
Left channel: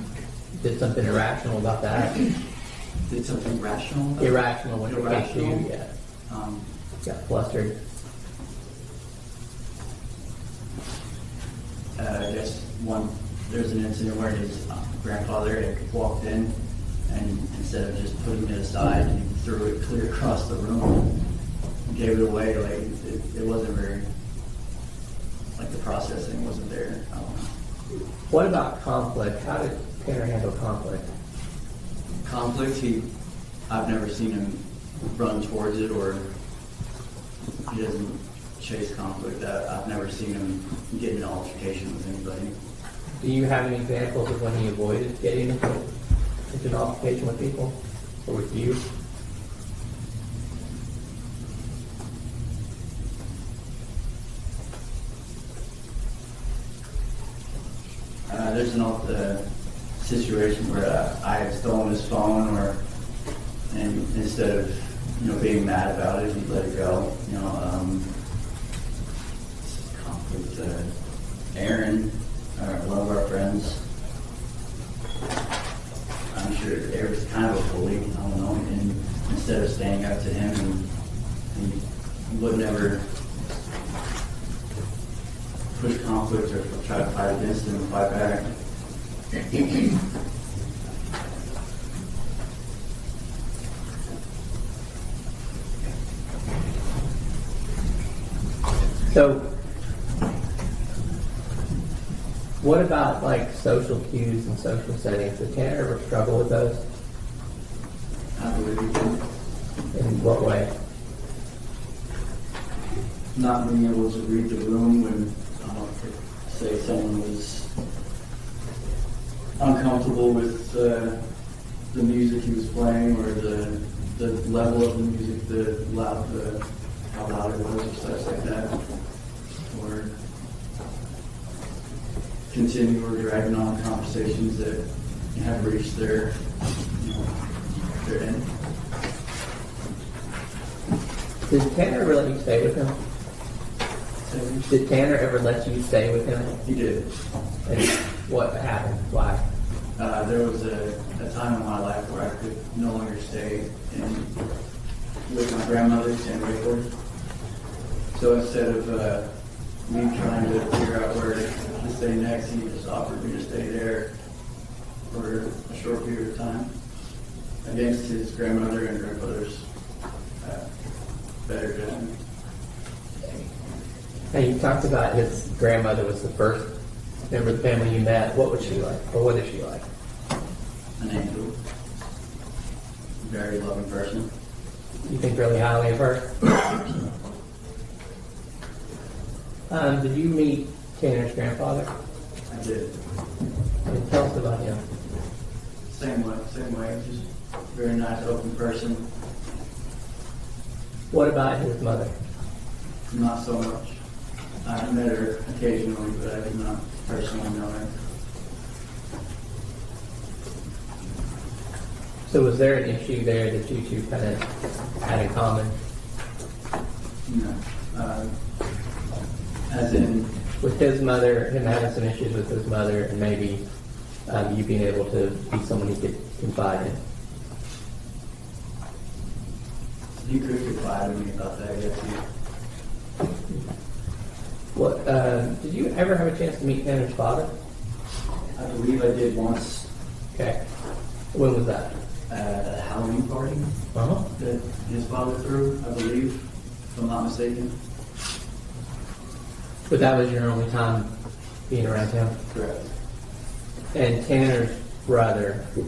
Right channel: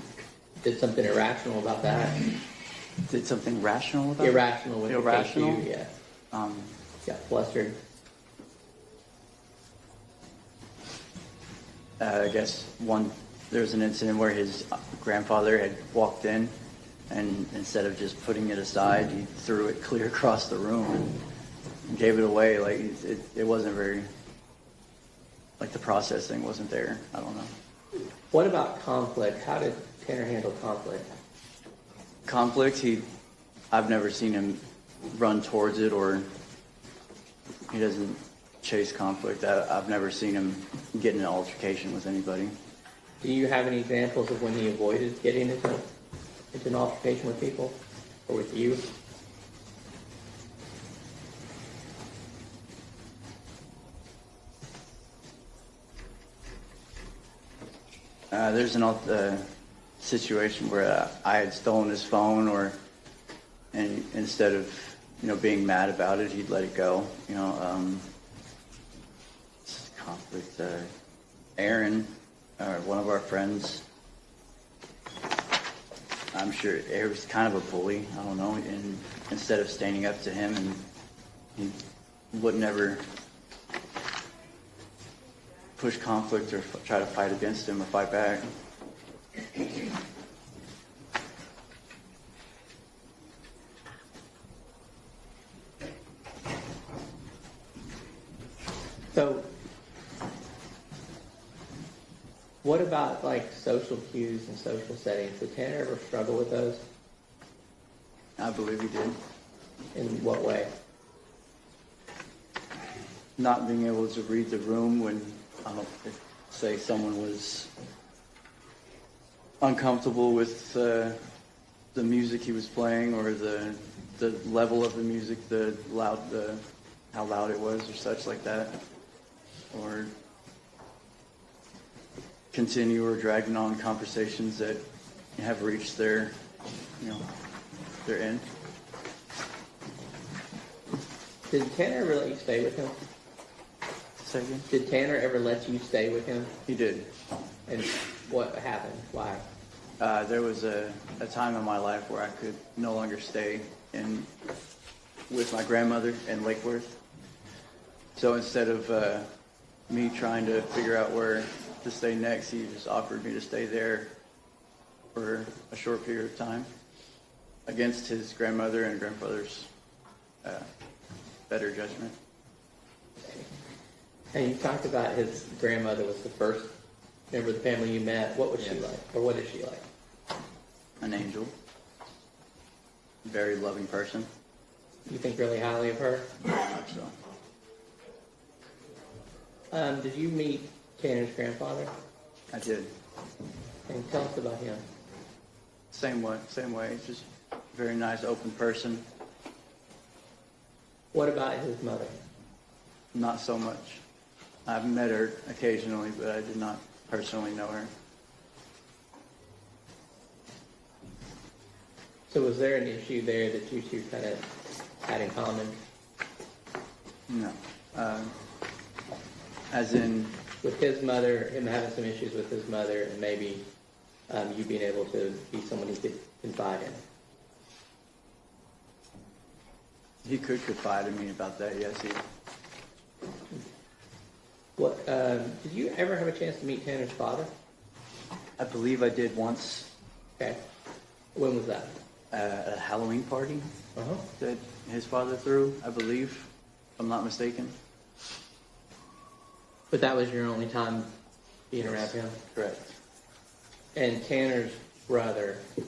did something irrational about that? Did something rational about it? Irrational with the Irrational? K2, yeah. Got flustered. I guess there's an incident where his grandfather had walked in, and instead of just putting it aside, he threw it clear across the room and gave it away. It wasn't very, the processing wasn't there. I don't know. What about conflict? How did Tanner handle conflict? Conflict, I've never seen him run towards it, or he doesn't chase conflict. I've never seen him get in an altercation with anybody. Do you have any examples of when he avoided getting into an altercation with people or with you? There's an situation where I had stolen his phone, and instead of being mad about it, he'd let it go. Conflict. Aaron, one of our friends, I'm sure it was kind of a bully. I don't know. And instead of standing up to him, he would never push conflict or try to fight against him or fight back. So, what about like social cues and social settings? Did Tanner ever struggle with those? I believe he did. In what way? Not being able to read the room when, say, someone was uncomfortable with the music he was playing, or the level of the music, how loud it was, or such like that, or continue or dragging on conversations that have reached their end. Did Tanner ever let you stay with him? Did Tanner ever let you stay with him? He did. And what happened? Why? There was a time in my life where I could no longer stay with my grandmother in Lakewood. So instead of me trying to figure out where to stay next, he just offered me to stay there for a short period of time against his grandmother and grandfather's better judgment. Hey, you talked about his grandmother was the first member of the family you met. What was she like? Or what is she like? An angel. Very loving person. You think really highly of her? Did you meet Tanner's grandfather? I did. Tell us about him. Same way. Just very nice, open person. What about his mother? Not so much. I've met her occasionally, but I did not personally know her. So was there an issue there that you two kind of had in common? No. As in? With his mother, him having some issues with his mother, and maybe you being able to be someone he could confide in. You could confide in me about that, yes. What, did you ever have a chance to meet Tanner's father? I believe I did once. Okay. When was that? At a Halloween party that his father threw, I believe, if I'm not mistaken. But that was your only time being around him? Correct. And Tanner's brother, is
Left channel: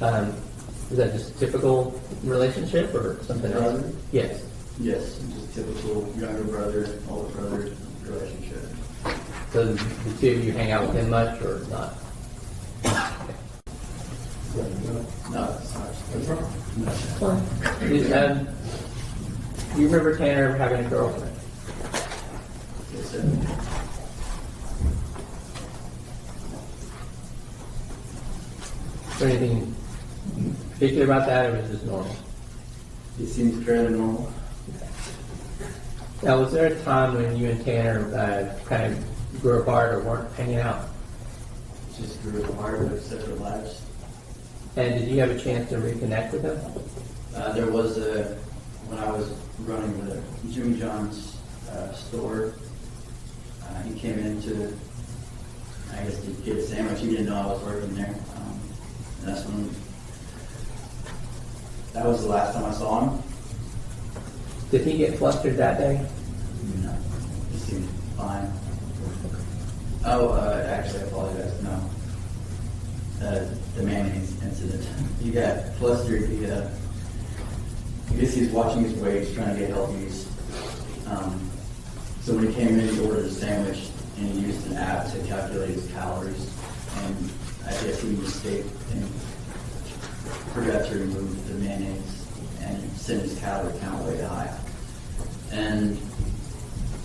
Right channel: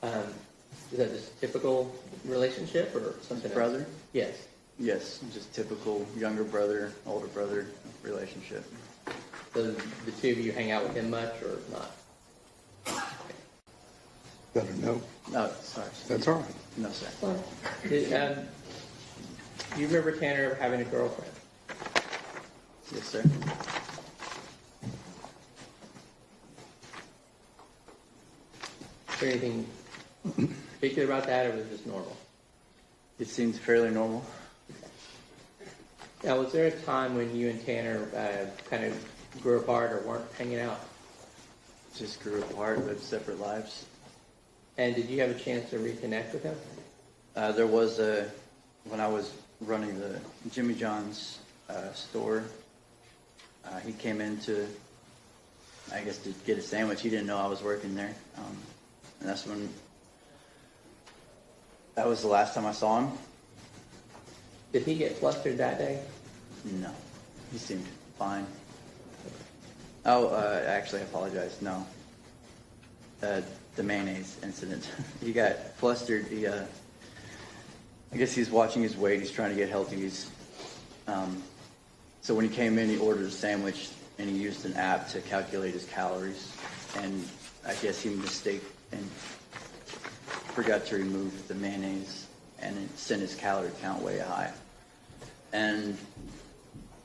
that just a typical relationship or something else? Brother? Yes. Yes, just typical younger brother, older brother relationship. So the two of you hang out with him much or not? No, that's fine. that's all right. No, sir. Fine. Do you remember Tanner having a girlfriend? Yes, sir. Is there anything particular about that, or was it just normal? It seems fairly normal. Now, was there a time when you and Tanner kind of grew apart or weren't hanging out? Just grew apart, lived separate lives. And did you have a chance to reconnect with him? There was when I was running the Jimmy John's store, he came in to, I guess, to get a sandwich. He didn't know I was working there. And that's when, that was the last time I saw him. Did he get flustered that day? No, he seemed fine. Oh, actually, I apologize. No. The mayonnaise incident. He got flustered. I guess he's watching his weight. He's trying to get healthy. So when he came in, he ordered a sandwich, and he used an app to calculate his calories. And I guess he mistaked and forgot to remove the mayonnaise, and it sent his calorie count way high. And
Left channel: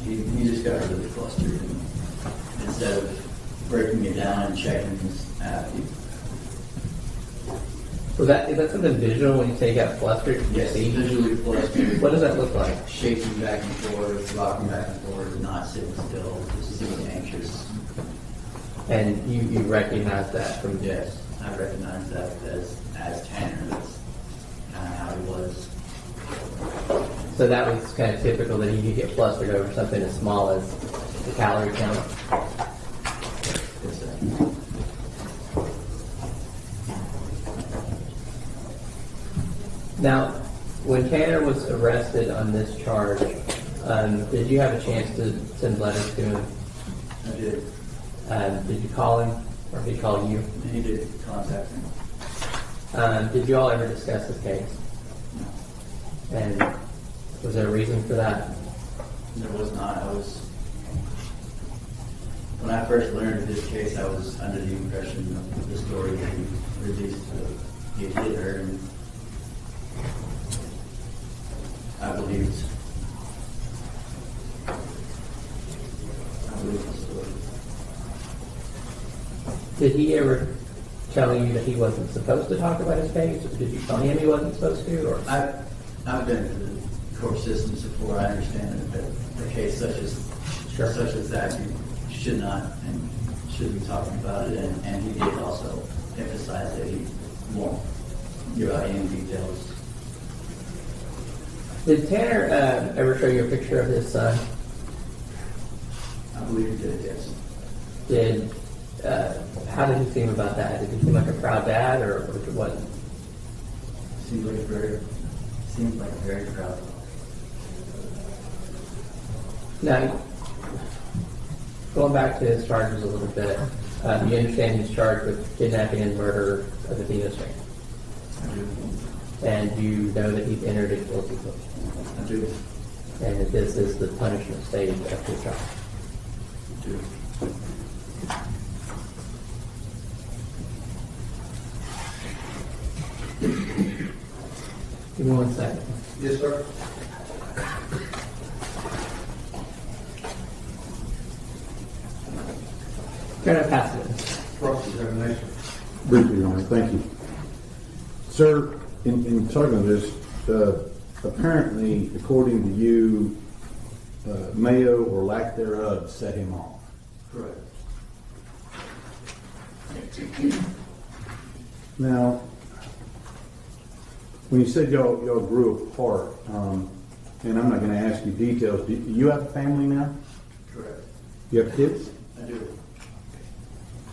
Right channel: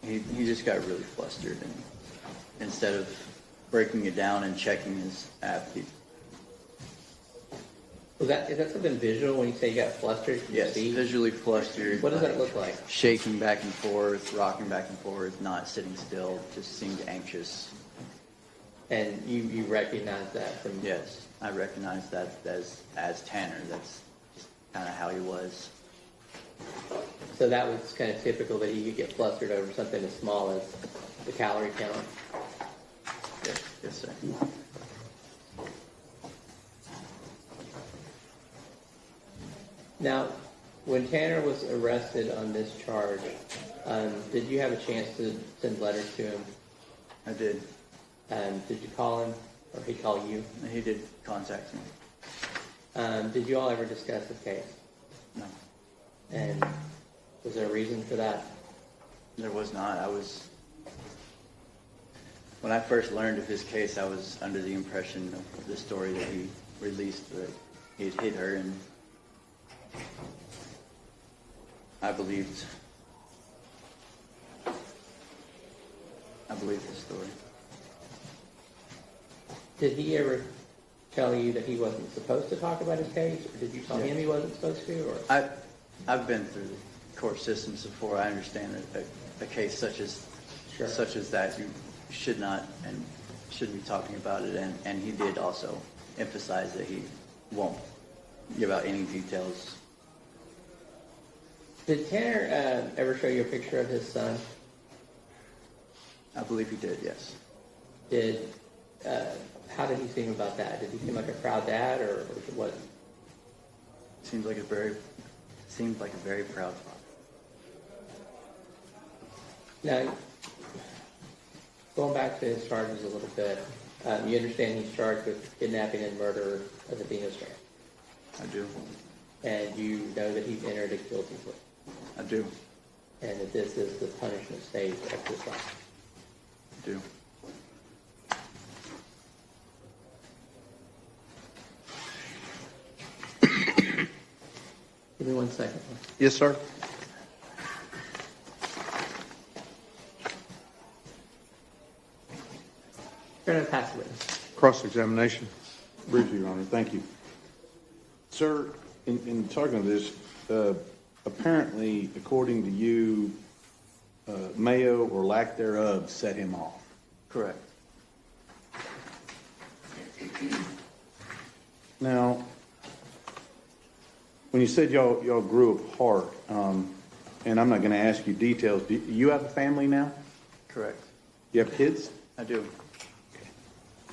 he just got really flustered, and instead of breaking it down and checking his app, is that something visual when you say you got flustered? yes, See? visually flustered. What does that look like? Shaking back and forth, rocking back and forth, not sitting still, just seemed anxious. And you recognize that from Yes, I recognize that as Tanner. That's kind of how he was. So that was kind of typical that he could get flustered over something as small as the calorie count. Yes, sir. Now, when Tanner was arrested on this charge, did you have a chance to send letters to him? I did. Did you call him, or he called you? He did contact me. Did you all ever discuss this case? No. And was there a reason for that? There was not. When I first learned of this case, I was under the impression of the story that he released that he had hit her, and I believed the story. Did he ever tell you that he wasn't supposed to talk about his case, or did you tell him he wasn't supposed to? Or I've been through the court systems before. I understand that a case such as that, you should not and shouldn't be talking about it. And he did also emphasize that he won't give out any details. Did Tanner ever show you a picture of his son? I believe he did, yes. How did he seem about that? Did he seem like a proud dad, or what? Seems like a very proud father. Now, going back to his charges a little bit, you understand he's charged with kidnapping and murder of Athena Strand. I do. And you know that he's entered a guilty plea. I do. And that this is the punishment stage after the trial. I do. Give me 1 second. Yes, sir. Gonna pass it. Cross-examination. Briefly, Your Honor, thank you. Sir, in talking about this, apparently, according to you, Mayo or lack thereof set him off. Correct. Now, when you said y'all grew apart, and I'm not going to ask you details, do you have a family now? Correct. You have kids? I do.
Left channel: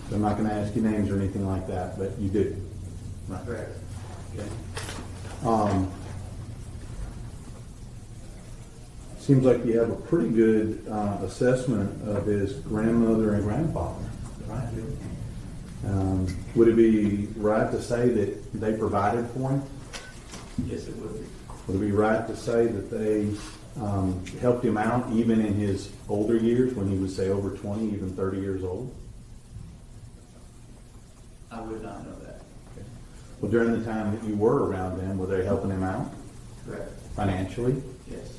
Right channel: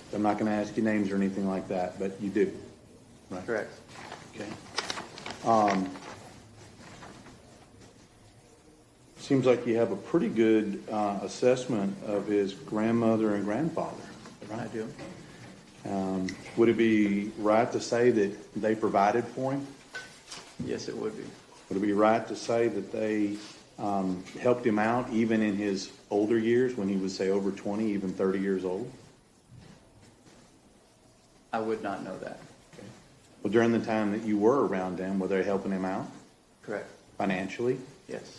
So I'm not going to ask you names or anything like that, but you do. Right. Correct. Okay. Seems like you have a pretty good assessment of his grandmother and grandfather. I do. Would it be right to say that they provided for him? Yes, it would be. Would it be right to say that they helped him out even in his older years when he was, say, over 20, even 30 years old? I would not know that. Well, during the time that you were around him, were they helping him out Correct. financially? Yes.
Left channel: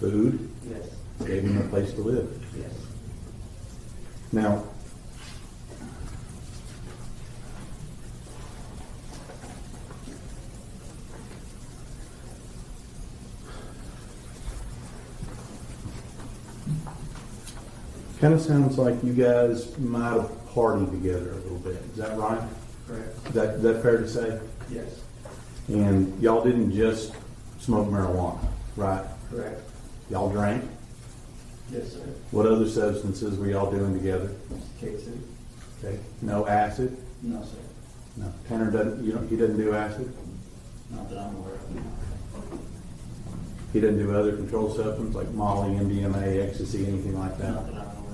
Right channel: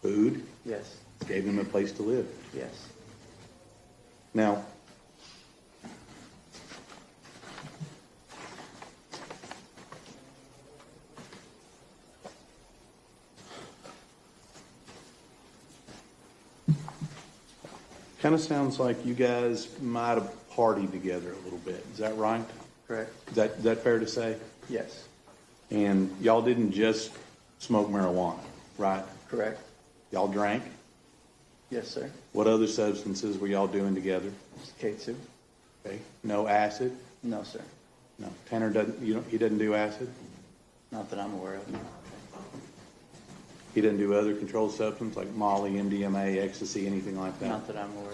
Food? Yes. Gave him a place to live? Yes. Now, kind of sounds like you guys might have partied together a little bit. Is that right? Correct. Is that fair to say? Yes. And y'all didn't just smoke marijuana, right? Correct. Y'all drank? Yes, sir. What other substances were y'all doing together? K2. Okay. No acid? No, sir. No. Tanner doesn't. He doesn't do acid. Not that I'm aware of. He doesn't do other controlled substances like Molly, MDMA, ecstasy, anything like that. Not that I'm aware of.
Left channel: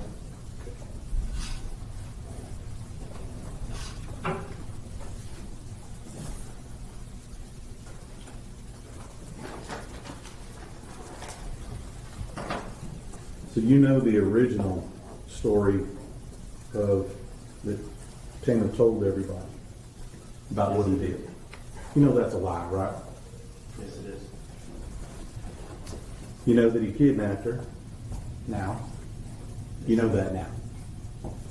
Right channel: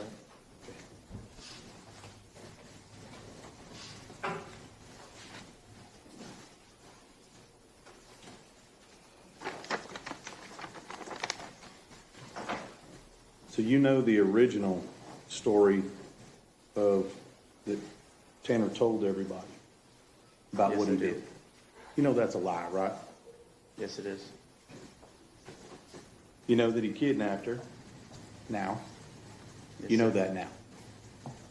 So you know the original story of that Tanner told everybody about Yes, what he I did. did? You know that's a lie, right? Yes, it is. You know that he kidnapped her now. You know that now.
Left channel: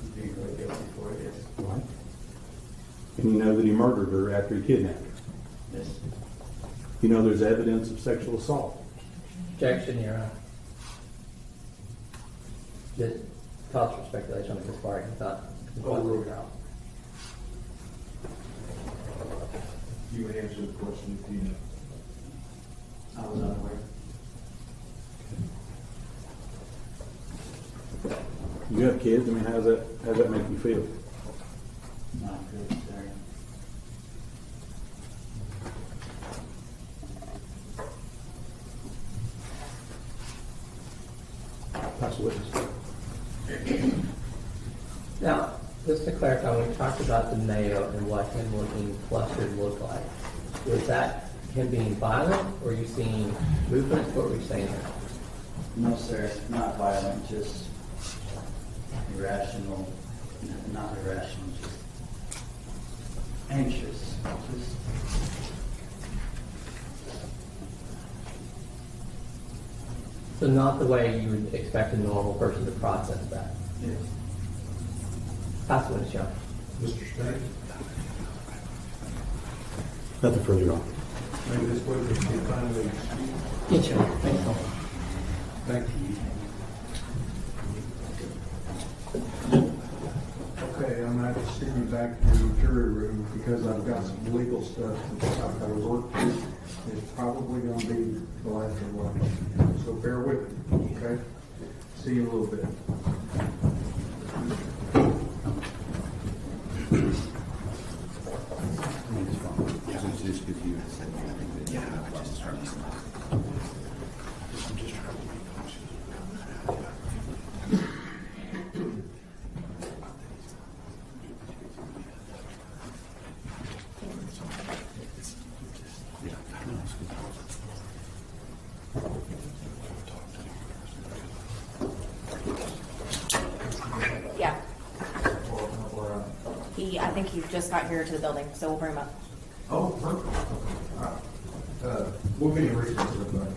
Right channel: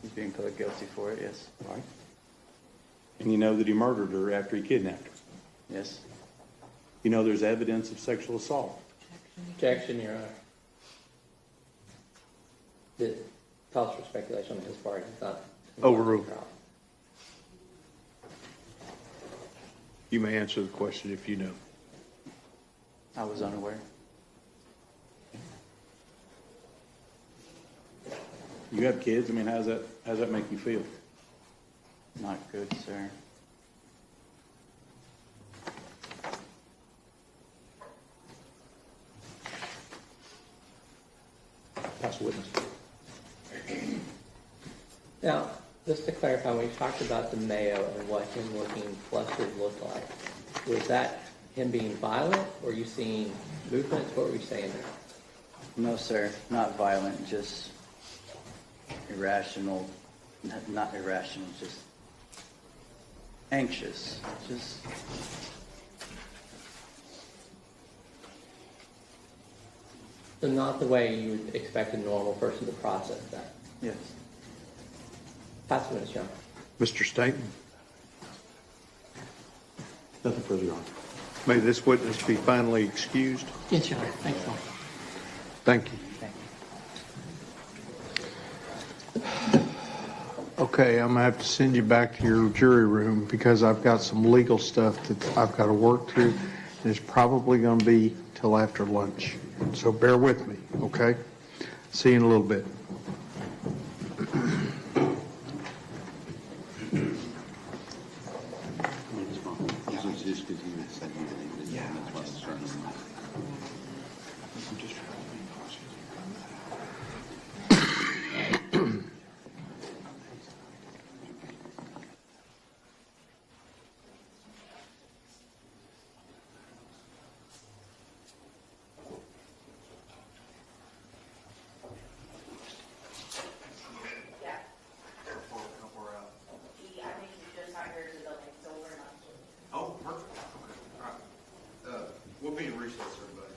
He's being guilty for it, yes. Right. And you know that he murdered her after he kidnapped her. Yes. You know there's evidence of sexual assault. Objection, Your Honor. The cause for speculation on his part, I thought. Overruled. You may answer the question if you know. I was unaware. You got kids. I mean, how's that make you feel? Not good, sir. That's a witness. Now, just to clarify, when we talked about the Mayo and what him looking flustered looked like, was that him being violent, or were you seeing movements? What were you saying there? No, sir, not violent, just irrational, not irrational, just anxious, just So not the way you would expect a normal person to process that. yes. That's what it's showing. Mr. State, Nothing further on. may this witness be finally excused? Yes, Your Honor. Thank you. Thank you. Okay, I'm gonna have to send you back to your jury room because I've got some legal stuff that I've got to work through. And it's probably gonna be till after lunch. So bear with me, okay? See you in a little bit. Yeah. I think he just got here to the building, so we'll bring him up. Oh, perfect. All right. We'll be in recess, everybody.